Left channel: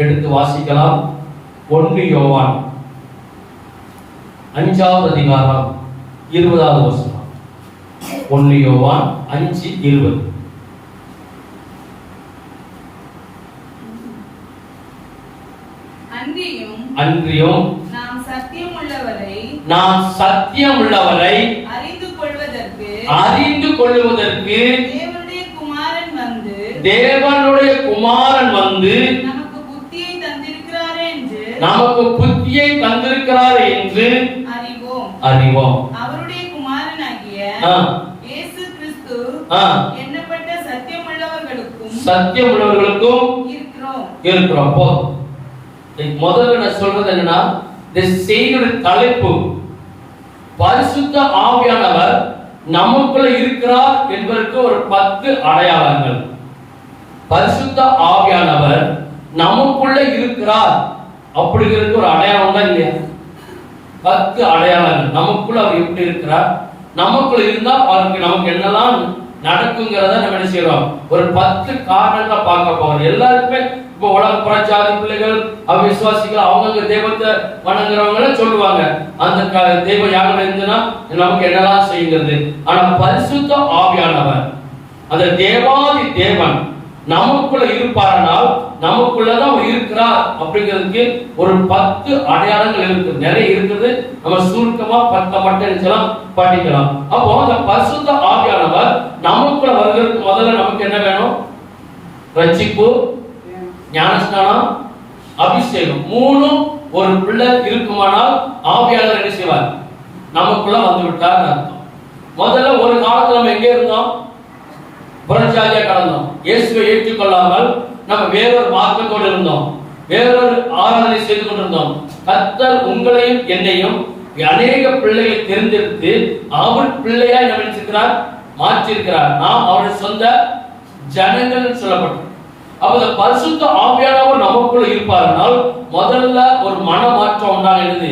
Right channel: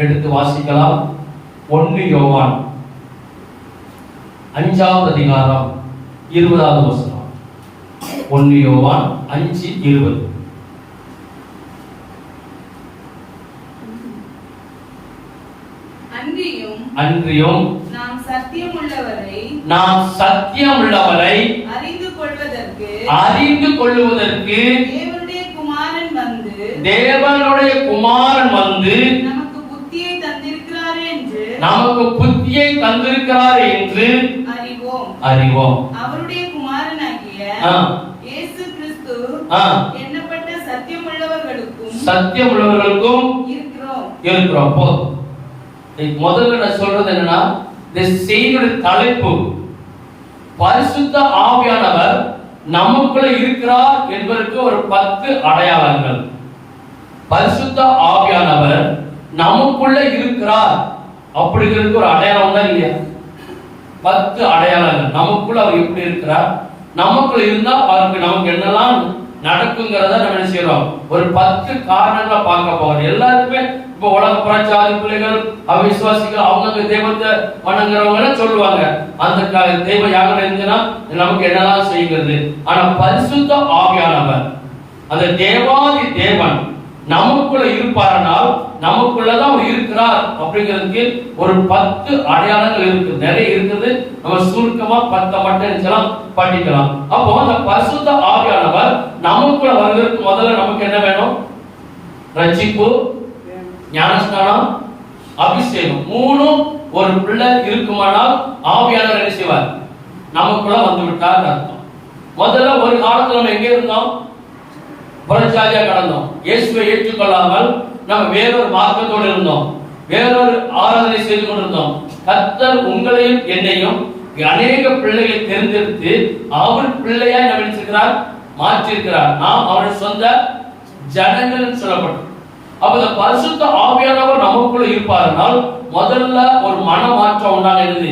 எடுத்து வாசிக்கலாம். 1 யோவான் 5வது அதிகாரம் 20வது வசனம். 1 யோவான் 5:20. அன்றியும் நாம் சத்தியம் உள்ளவரை அறிந்து கொள்வதற்கு தேவனுடைய குமாரன் வந்து நமக்கு புத்தியை தந்திருக்கிறார் என்று அறிவோம். அவருடைய குமாரனாகிய இயேசு கிறிஸ்து எண்ணப்பட்ட சத்தியம் உள்ளவர்களுக்கும் இருக்கிறோம். முதல்ல நான் சொல்றது என்னன்னா, இந்த செய்தியுடைய தலைப்பு பரிசுத்த ஆவியானவர் நமக்குள்ள இருக்கிறார் என்பதற்கு ஒரு 10 அடையாளங்கள். பரிசுத்த ஆவியானவர் நமக்குள்ள இருக்கிறார் அப்படிங்கிறதுக்கு ஒரு அடையாளம் தான் இல்லையா? 10 அடையாளங்கள். நமக்குள்ள அவர் எப்படி இருக்கிறார், நமக்குள்ள இருந்தா அவருக்கு நமக்கு என்னெல்லாம் நடக்குங்கிறத நம்ம என்ன செய்யறோம், ஒரு 10 காரணங்களை பார்க்க போறோம். எல்லாருக்குமே இப்போ உலக பிரச்சார பிள்ளைகள் அவிசுவாசிகள் அவங்க தெய்வத்தை வணங்குறவங்க சொல்லுவாங்க, அந்த தெய்வம் யாரும் இருந்துன்னா நமக்கு என்னெல்லாம் செய்கிறது. ஆனா பரிசுத்த ஆவியானவர் அந்த தேவாதி தேவன் நமக்குள்ள இருப்பாரனால் நமக்குள்ளதான் அவர் இருக்கிறார் அப்படிங்கிறதுக்கு ஒரு 10 அடையாளங்கள் இருக்கு. நிறைய இருக்குது, நம்ம சுருக்கமா 10 மட்டும் படிக்கலாம். அப்போ அந்த பரிசுத்த ஆவியானவர் நமக்குள்ள வருவதற்கு முதல்ல நமக்கு என்ன வேணும்? ரட்சிப்பு, ஞானஸ்நானம், அபிஷேகம். 3 ஒரு பிள்ளை இருக்குமானால் ஆவியானவர் என்ன செய்வார்? நமக்குள்ள வந்து விட்டார் அர்த்தம். முதல்ல ஒரு காலத்துல நம்ம எங்க இருந்தோம்? புறச்சாதியா கடந்தோம். இயேசுவை ஏற்றுக்கொள்ளாமல் நம்ம வேறொரு மார்க்கத்தோடு இருந்தோம், வேறொரு ஆராதனை செய்து கொண்டிருந்தோம். கர்த்தர் உங்களையும் என்னையும் அநேக பிள்ளைகள் தேர்ந்தெடுத்து அவர் பிள்ளையாய் நினைச்சிருக்கிறார், மாற்றிருக்கிறார். நாம் அவருடைய சொந்த ஜனங்கள் சொல்லப்பட்டோம். அப்ப இந்த பரிசுத்த ஆவியானவர் நமக்குள்ள இருப்பார்கள். முதல்ல ஒரு மன மாற்றம் உண்டாகிறது,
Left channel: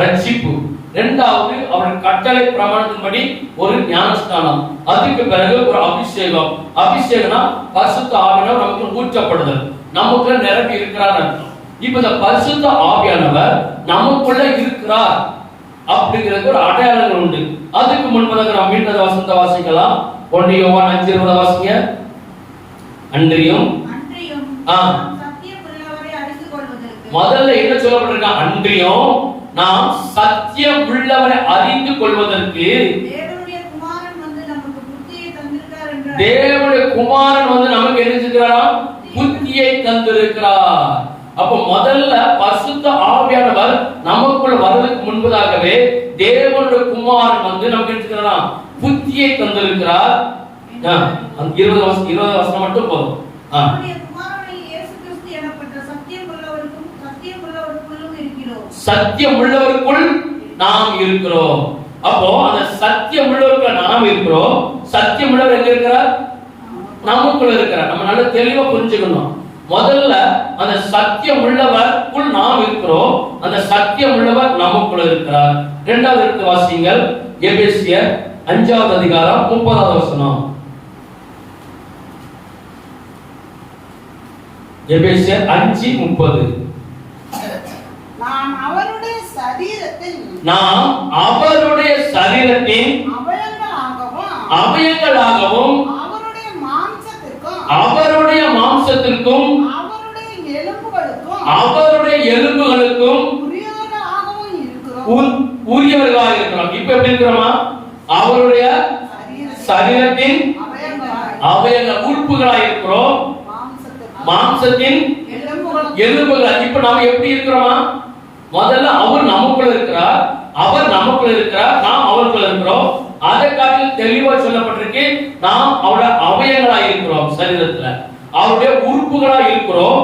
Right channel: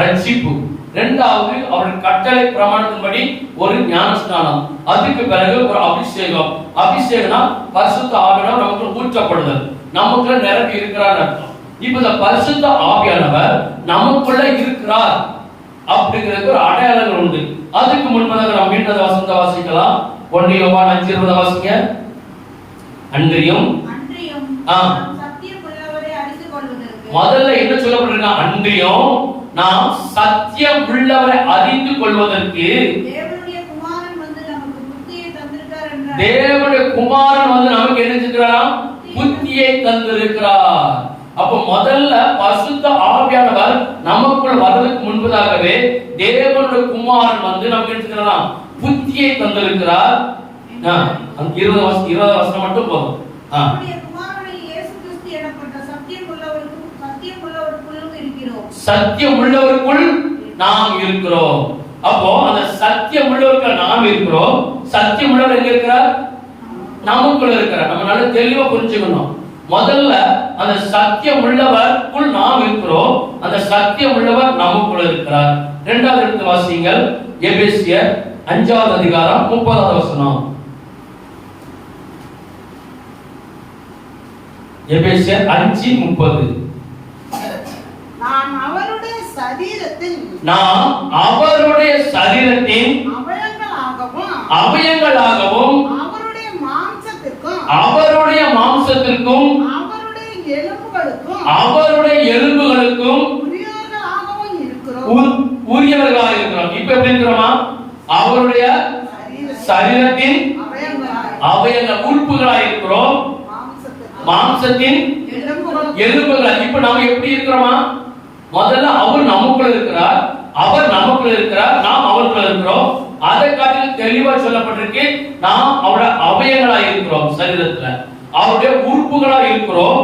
ரட்சிப்பு. இரண்டாவது அவருடைய கட்டளை பிரமாணத்தின்படி ஒரு ஞானஸ்நானம். அதுக்கு பிறகு ஒரு அபிஷேகம். அபிஷேகம்னா பரிசுத்த ஆவியானவர் நமக்கு ஊற்றப்படுதல், நமக்குள்ள நிரப்பி இருக்கிறார் அர்த்தம். இப்ப இந்த பரிசுத்த ஆவியானவர் நமக்குள்ள இருக்கிறார் அப்படிங்கிறது ஒரு அடையாளங்கள் உண்டு. அதுக்கு முன்பதாக நாம் மீண்டும் வசனத்தை வாசிக்கலாம். 1 யோவான் 5:20 வாசிங்க. அன்றியும் முதல்ல என்ன சொல்லப்பட்டிருக்க? அன்றியும் நாம் சத்தியம் உள்ளவரை அறிந்து கொள்வதற்கு தேவனுடைய குமாரன் வந்து நமக்கு என்ன செஞ்சிருக்கிறார்? புத்தியை தந்திருக்கிறார். அப்ப முதல்ல பரிசுத்த ஆவியானவர் நமக்குள் வருவதற்கு முன்பதாகவே தேவனுடைய குமாரன் வந்து நமக்கு என்ன செஞ்சிருக்கிறார்? புத்தியை தந்திருக்கிறார். 20 வருஷம் மட்டும் போதும். சத்தியம் உள்ளவருக்குள் நாம் இருக்கிறோம். அப்போ அந்த சத்தியம் உள்ளவருக்கு நாம் இருக்கிறோம். சத்தியம் உள்ளவர் எங்க இருக்கிறார்? நமக்குள்ள இருக்கிறார். நம்ம நல்ல தெளிவா புரிஞ்சுக்கணும். முதல்ல அந்த சத்தியம் உள்ளவருக்குள் நாம் இருக்கிறோம், அந்த சத்தியம் உள்ளவர் நமக்குள்ள இருக்கிறார். இரண்டாவது எடுத்து வாசிங்கள். எபேசியர் 5வது அதிகாரம் 30வது வசனம். எபேசியர் 5:30. நாம் அவருடைய சரீரத்தின் அவயங்களாகவும் அவருடைய மாம்சத்திற்கும் அவருடைய எலும்புகளுக்கும் உரியவர்களாக இருக்கிறோம். இப்ப எப்படி இருக்கிறோமா? அவருடைய சரீரத்தின் அவயங்கள் உறுப்புகளாக இருக்கிறோம், மாம்சத்தின் எலும்புகள். இப்ப நம்ம எப்படி இருக்கிறோமா? முதல்ல அவர் நமக்குள்ள இருக்கிறார், அவர் நமக்குள்ள இருக்கிறார், நாம் அவருக்குள்ள இருக்கிறோம். அதை காட்டில் தெளிவா சொல்லப்பட்டிருக்கு, நாம் அவருடைய அவயங்களா இருக்கிறோம், சரீரத்துல அவருடைய உறுப்புகளா இருக்கிறோம்,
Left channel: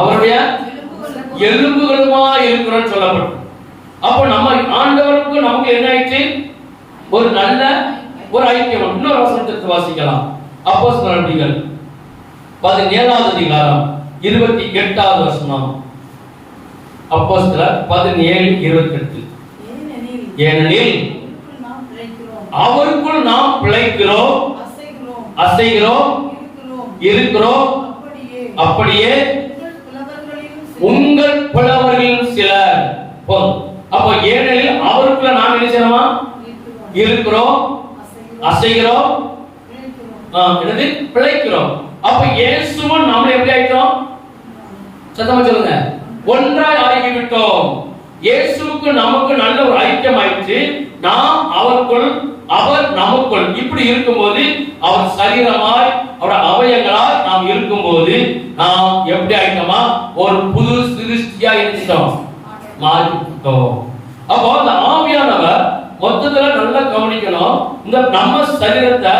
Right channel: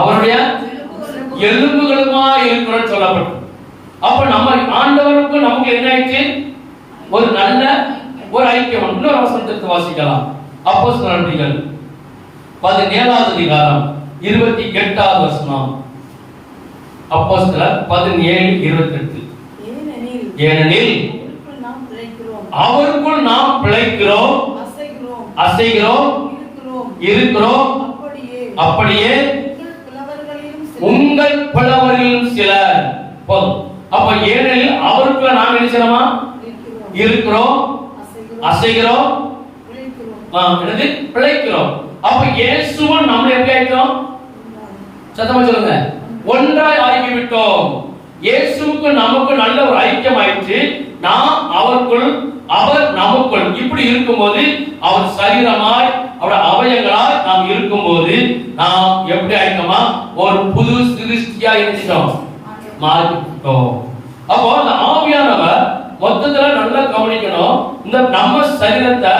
அவருடைய எலும்புகளுமா இருக்கிறோம் சொல்லப்பட்டு. அப்ப நம்ம ஆண்டவருக்கு நமக்கு என்ன ஆயிடுச்சு? ஒரு நல்ல ஒரு ஐக்கியம். இன்னொரு வசனத்தை வாசிக்கலாம். அப்போஸ்தலர்கள் 17வது அதிகாரம் 28வது வசனம். அப்போஸ்தலர் 17:28. ஏனெனில் அவருக்குள் நாம் பிழைக்கிறோம், அசைகிறோம், இருக்கிறோம். அப்படியே உங்கள் புலவர்களிலும் சிலர். போதும். அப்ப ஏனெனில் அவருக்குள்ள நாம் நினைச்சோமா இருக்கிறோம், அசைகிறோம், என்னது பிழைக்கிறோம். அப்ப இயேசுவும் நாம எப்படி ஆயிட்டோம்? சத்தமா சொல்லுங்க. ஒன்றாய் ஆகிவிட்டோம். இயேசுவுக்கு நமக்கு நல்ல ஒரு ஐக்கியம் ஆயிடுச்சு. நாம் அவருக்குள், அவர் நமக்குள். இப்படி இருக்கும்போது அவர் சரீரமாய், அவர் அவயங்களாய் நாம் இருக்கும்போது நாம் எப்படி ஆயிட்டோமா? ஒரு புது சிருஷ்டியா இருந்துட்டோம், மாறிட்டோம். அப்போ அந்த ஆவியானவர் மொத்தத்துல நல்லா கவனிக்கணும். இந்த நம்ம சரீரத்தை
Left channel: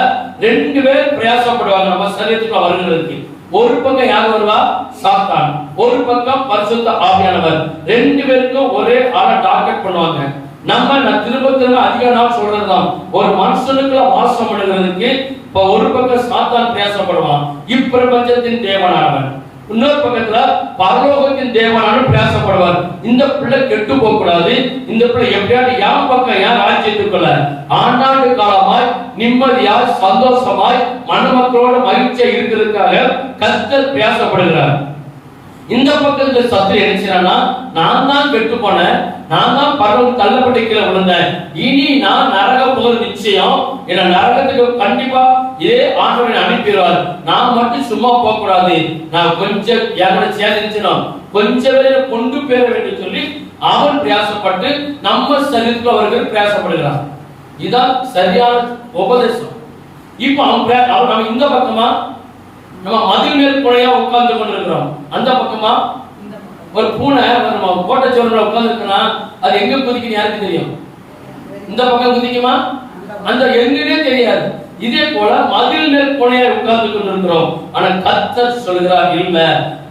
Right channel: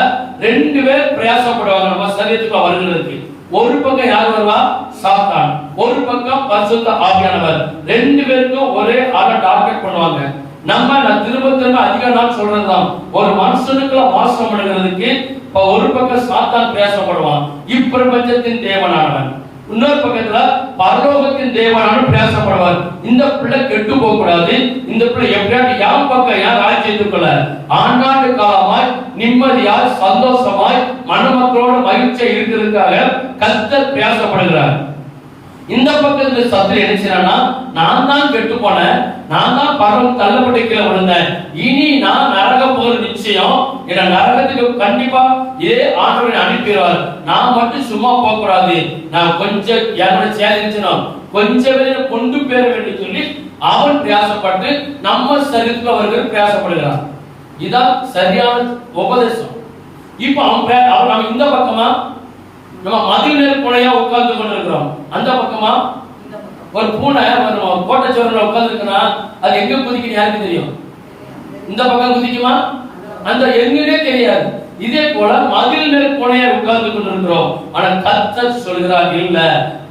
ரெண்டு பேர் பிரயாசப்படுவாங்க நம்ம சரீரத்துக்குள்ள வருகிறதுக்கு. ஒரு பக்கம் யார் வருவா? சாத்தான். ஒரு பக்கம் பரிசுத்த ஆவியானவர். ரெண்டு பேருக்கும் ஒரே ஆளை டார்கெட் பண்ணுவாங்க. நான் திரும்ப அதிக நாள் சொல்றதுதான், ஒரு மனுஷனுக்குள்ள வாசம் பண்ணுகிறதுக்கு இப்ப ஒரு பக்கம் சாத்தான் பிரயாசப்படுவான், இப்பிரபஞ்சத்தின் தேவனானவன். இன்னொரு பக்கத்துல பரலோகத்தின் தேவனான பிரயாசப்படுவார். இந்த பிள்ளை கெட்டு போக கூடாது, இந்த பிள்ளை எப்படியாவது யாம் பக்கம் யார் ஆட்சியத்துக்குள்ள ஆண்டாண்டு காலமாய் நிம்மதியாய் சந்தோஷமாய் மணமக்களோட மகிழ்ச்சியா இருக்கிறதுக்காக கர்த்தர் பிரயாசப்படுகிறார். இந்த பக்கத்துல சத்துரு என்ன, நான் தான் கெட்டு போனேன், நான் தான் பரவ தள்ளப்பட்டு கீழே விழுந்தேன், இனி நான் நரகம் போகிற நிச்சயம், என்ன நரகத்துக்கு கண்டிப்பா இதே ஆண்டவரை அனுப்பிடுவார், நான் மட்டும் சும்மா போக கூடாது, நான் கொஞ்சம் என்னோட சேதம் கொஞ்சம் பேரை கொண்டு பேர வேண்டும் சொல்லி அவன் பிரயாசப்பட்டு நம்ம சரீரத்தில் அவர்கள் பிரயாசப்படுகிறார். இதுதான் சரியான உபதேசம். இப்ப அவன் நம்ம இந்த பக்கமா நம்ம மதில் மேல் பூனையா உட்கார்ந்து கொண்டிருக்கிறோம், அந்த பக்கமா ஒரு பூனை கோட்டச்சோறுல உட்கார்ந்து இருக்குன்னா அது எங்க குதிக்கும் யாருக்கு தெரியும்? இந்த பக்கம் குதிக்குமா? அந்த எங்கன்னே தெரியாது. இதே போல மதில் மேல் பூனையா உட்கார்ந்து கொண்டிருக்கிறோம். ஆனா கர்த்தர் சொல்கிறார், இல்ல,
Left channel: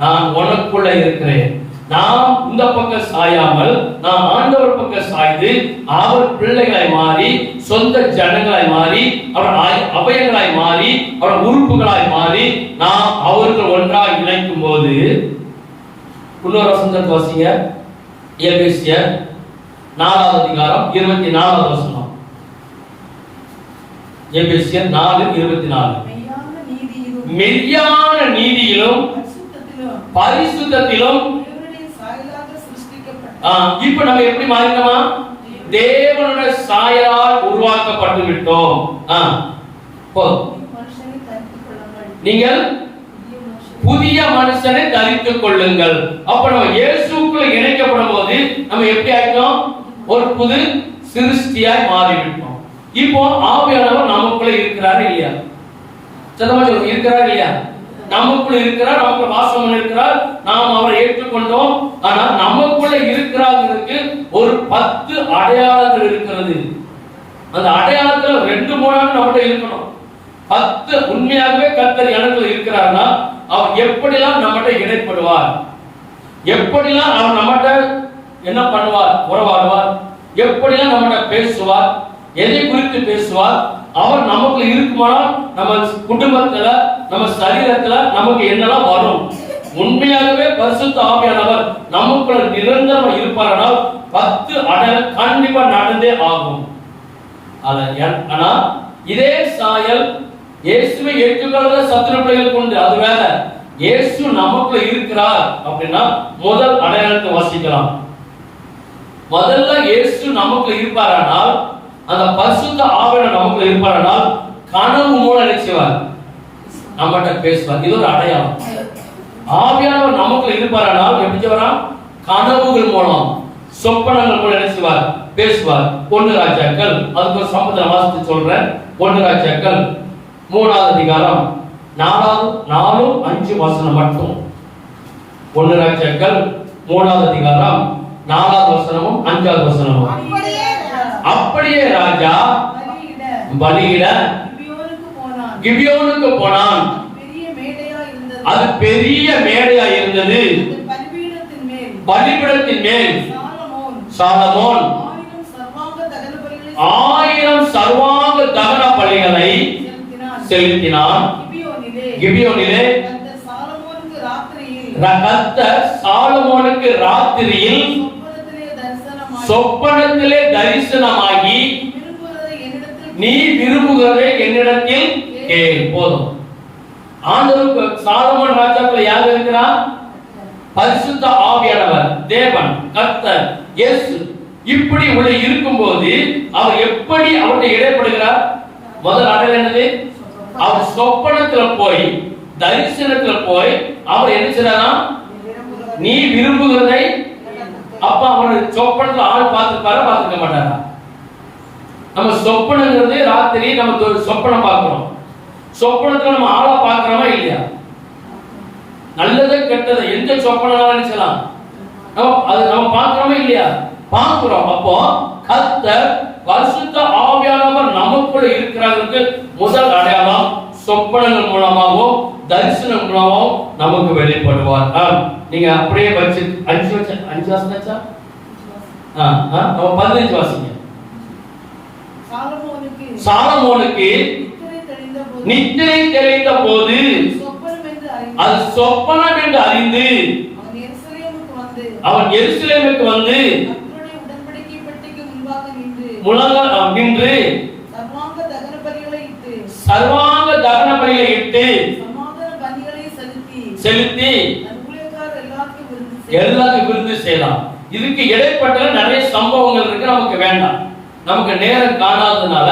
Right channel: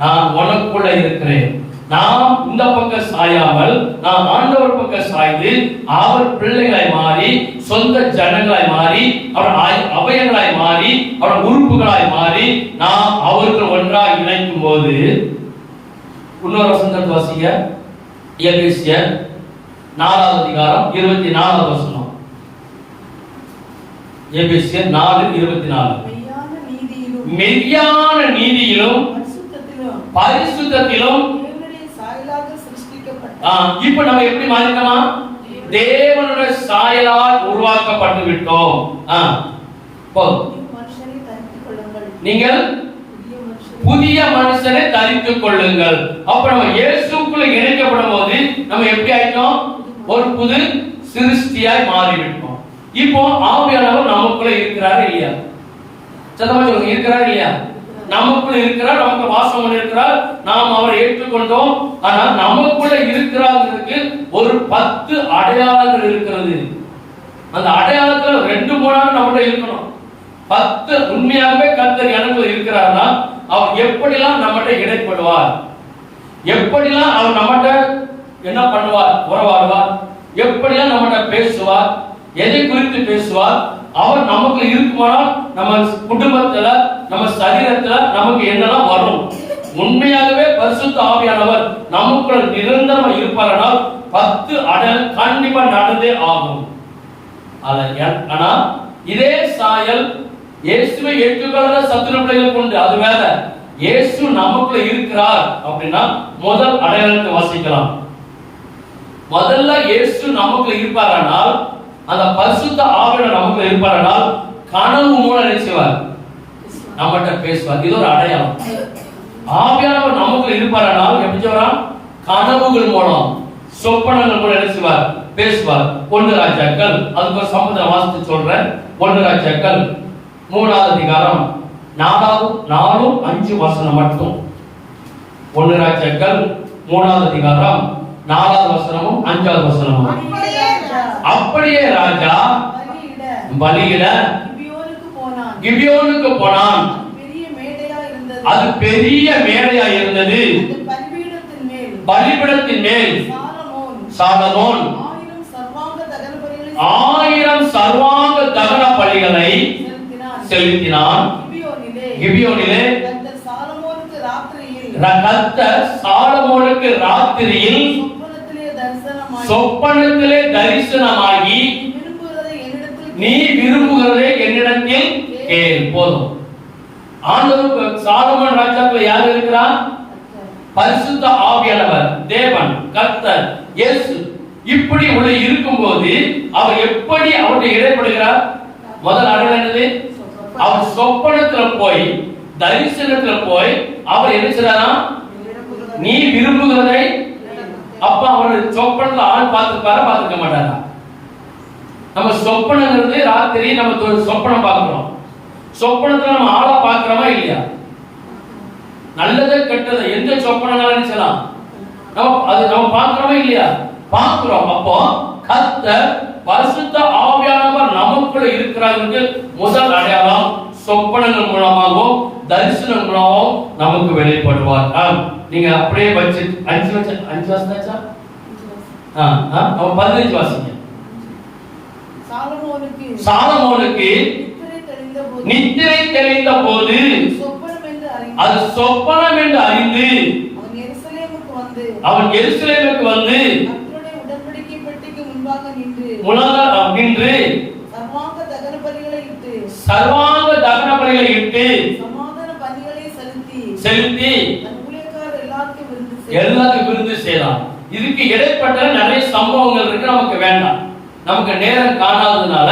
நான் உனக்குள்ள இருக்கிறேன். நாம் இந்த பக்கம் சாயாமல் நாம் ஆண்டவர் பக்கம் சாய்ந்து அவர் பிள்ளைகளாய் மாறி, சொந்த ஜனங்களாய் மாறி, அவர் அவயங்களாய் மாறி, அவர் உறுப்புகளாய் மாறி நாம் அவருக்கு ஒன்றாக இணைக்கும் போது, இன்னொரு வசனத்தை வாசிங்க, எபேசியர் 4வது அதிகாரம் 24வது வசனம். எபேசியர் 4:24. மெய்யான நீதியிலும் பரிசுத்தத்திலும். இப்ப நம்ம எப்படி மாறிட்டோமா? தேவனுடைய சாயலால் உருவாக்கப்பட்டு விட்டோம். நீங்கள் புதிய மனுஷனை தரித்துக் கொள்ளுங்கள். அப்ப நம்ம இயேசுக்குள்ள இணைக்கப்படும் போது நம்ம எப்படி ஆயிட்டோம்? ஒரு புது சிருஷ்டியாய் மாறிவிட்டோம். இப்போ ஆவியானவர் நமக்குள்ள இருக்கிறாரு இல்லையா? சத்தமா சொல்லுங்க, இருக்கிறார் இல்லையா? நமக்குள்ள இருக்கிறார், நமக்கு வாசம் இருக்கிறார், நாம் அவரை ஏற்றுக்கொண்டோம். ஆனால் நமக்குள்ள இருக்கிறாருக்கு ஒரு 10 அடையாளங்கள் இருக்கிறது. அந்த அடையாளத்துல 2-3 நம்மகிட்ட இருக்கணும். 10 உண்மையாகவே கர்த்தர் எனக்குள்ள இருக்கிறார்னா அவர் எப்படிலாம் நம்மகிட்ட இடைப்படுவார், எப்படிலாம் அவர் நம்மகிட்ட என்ன பண்ணுவார், உறவாடுவார், எப்படிலாம் நம்மகிட்ட பேசுவார், எதை குறித்து பேசுவார், அவர் நமக்கு இருக்குமானால் நம்ம குடும்பத்துல, நம்ம சரீரத்துல நமக்கு என்னெல்லாம் வரும். உண்மையாகவே பரிசுத்த ஆவியானவர் நமக்குள்ள நிரந்தரம் இருப்பாரானால் 10 அடையாளம் கண்டிப்பா நடந்தே ஆகும். ஆனா இதே சாயல் இயேசுவை ஏற்றுக்கொள்ளாத சத்துரு பிள்ளைகள் கொண்டு அது வேற. இயேசு நமக்குள்ள இருக்கிறார் அப்படின்னா முதல் அடையாளத்தை வாசிக்கலாம். முதல்ல இயேசு நமக்கு இருப்பாரானால், அந்த பரிசுத்த ஆவியானவர் நமக்கு இருப்பாரானால் கனவு மூலம் நினைச்சுவார், நம்மகிட்ட பேசுவார். இது ஒரு அடையாளம். ஆவியானவர் நமக்கு இருப்பாரானால் எப்படி சொல்றான்? கனவுகள் மூலம், சொப்பனங்கள் மூலம் நினைச்சுவார், பேசுவார். 1 ராஜாக்கள், அதுக்கு ஒரு சம்பந்தம் வாசித்து சொல்றேன். 1 ராஜாக்கள் 3வது அதிகாரம் 4-5 வசனம் மட்டும். 1 ராஜாக்கள் 3வது அதிகாரம் 4வது வசனமும் 5வது வசனமும். அப்படியே ராஜா பலியிட கிபியோனுக்கு போனான். அது பெரிய மேடையா இருந்தது. பலிபீடத்தின் மேல் சாலமோன் 1000 சர்வாங்க தகன பலிகளை செலுத்தினான். கிபியோனிலே கர்த்தர் சாலமோனுக்கு ராத்திரியில் சொப்பனத்திலே தரிசனமாகி, நீ விரும்புகிறதை என்னிடத்தில் கேள். போதும். ஆண்டவர் சாலமோன் ராஜாக்குள்ள யார் இருக்கிறார்? பரிசுத்த ஆவியானவர், தேவன், கர்த்தர், இயேசு இப்படி உள்ள இருக்கும்போது அவர் எப்படி அவருடைய இடைப்படுகிறார்? முதல் அடையாளம் என்னது? அவர் சொப்பனத்துல போய், தரிசனத்துல போய் அவர் என்ன செய்றாரா? நீ விரும்புகிறதை. அப்ப அவருடைய சொப்பனத்துல ஆள் பார்த்திருக்க மாட்டாரா? நம்ம சொப்பனங்கிறது ராத்திரி நம்ம ஒரு சொப்பனம் பார்க்கிறோம். சொப்பனத்துல நம்ம ஆளை பார்க்கிறோமா இல்லையா? நல்லதை கெட்டதை எந்த சொப்பனாலும் செய்யலாம், நம்ம பார்க்கிறோமா இல்லையா? பார்க்கிறோம். அப்போ கர்த்தர் பரிசுத்த ஆவியானவர் நமக்குள்ள இருக்கிறாருக்கு முதல் அடையாளம் சொப்பனங்கள் மூலமாகவும் தரிசனம் மூலமாகவும் நமக்கு வெளிப்படுவார். நீங்க அப்படியே வச்சு 5 வாசிச்சா 15 வாசிங்க. சாலமோனுக்கு நித்திரை தெளிந்த போது அது சொப்பனம் என்று அறிந்து அவன் எருசலேமுக்கு வந்து நின்று சர்வாங்க தகன பலிகளை இட்டு செலுத்தி எல்லாருக்கும் விருந்து செய்யலாம். இதுக்கு இடைப்பட்ட நிறைய சம்பவங்கள் இருக்கு, நமக்கு வேண்டாம், நமக்கு நேரம் காணாததுனால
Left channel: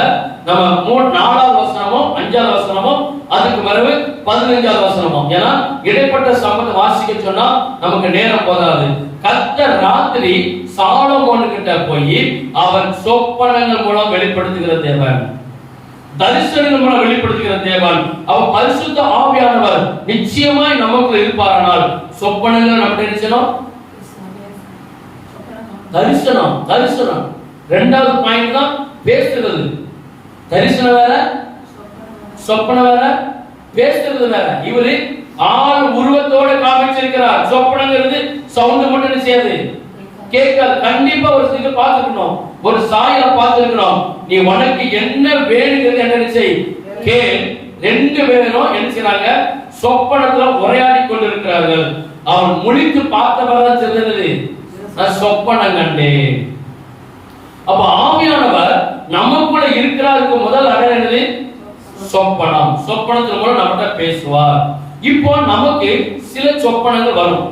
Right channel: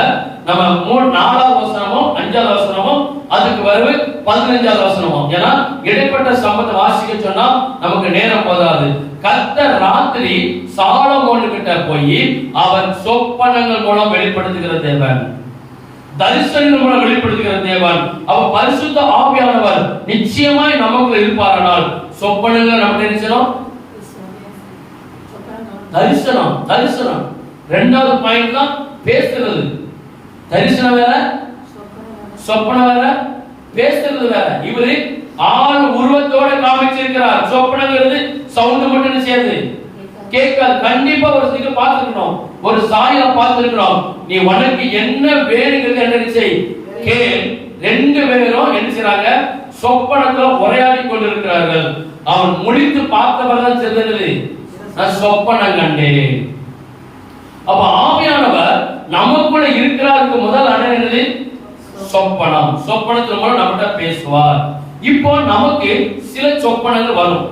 நம்ம 4வது வசனமும் 5வது வசனமும் அதுக்கு வருது 15வது வசனமும், ஏன்னா இடைப்பட்ட சம்பவத்தை வாசிக்க சொன்னா நமக்கு நேரம் போதாது. கர்த்தர் ராத்திரி சாலமோன் கிட்ட போய் அவர் சொப்பனங்கள் மூலம் வெளிப்படுத்துகிற தேவன், தரிசனங்கள் மூலம் வெளிப்படுத்துகிற தேவன், அவர் பரிசுத்த ஆவியானவர் நிச்சயமாய் நமக்குள்ள இருப்பாரானால் சொப்பனங்கள் நமக்கு நினைச்சோம். தரிசனம் தரிசனம் 2வது பாயிண்ட் தான் பேசுறது. தரிசனம் வேற, சொப்பனம் வேற, பேசுறது வேற. இவரு ஆள் உருவத்தோட காமிச்சிருக்கிறார். சொப்பனங்கிறது சவுண்ட் மட்டும் சேர்ந்து கேட்காது. கண்டிப்பா ஒரு சில பார்த்துக்கணும், ஒரு சாயில பார்த்திருக்கிறோம். நீ உனக்கு என்ன வேணுங்கிறது என்ன செய், கேள். 2 பேரும் என்ன செய்றாங்க? சொப்பனத்துல உரையாடி கொண்டிருக்கிறார்கள். அவன் முடித்து பார்த்தவர்தான் சொல்றது, நான் சொப்பனம் கண்டேன். அப்ப ஆவியானவர் நமக்குள்ள இருக்கிறாருக்கு முதல் அடையாளம் சொப்பனம். சொப்பனத்தின் மூலம் நம்மகிட்ட பேசுவார். இப்போ நமக்கு சில சொப்பனங்கள் வரும்.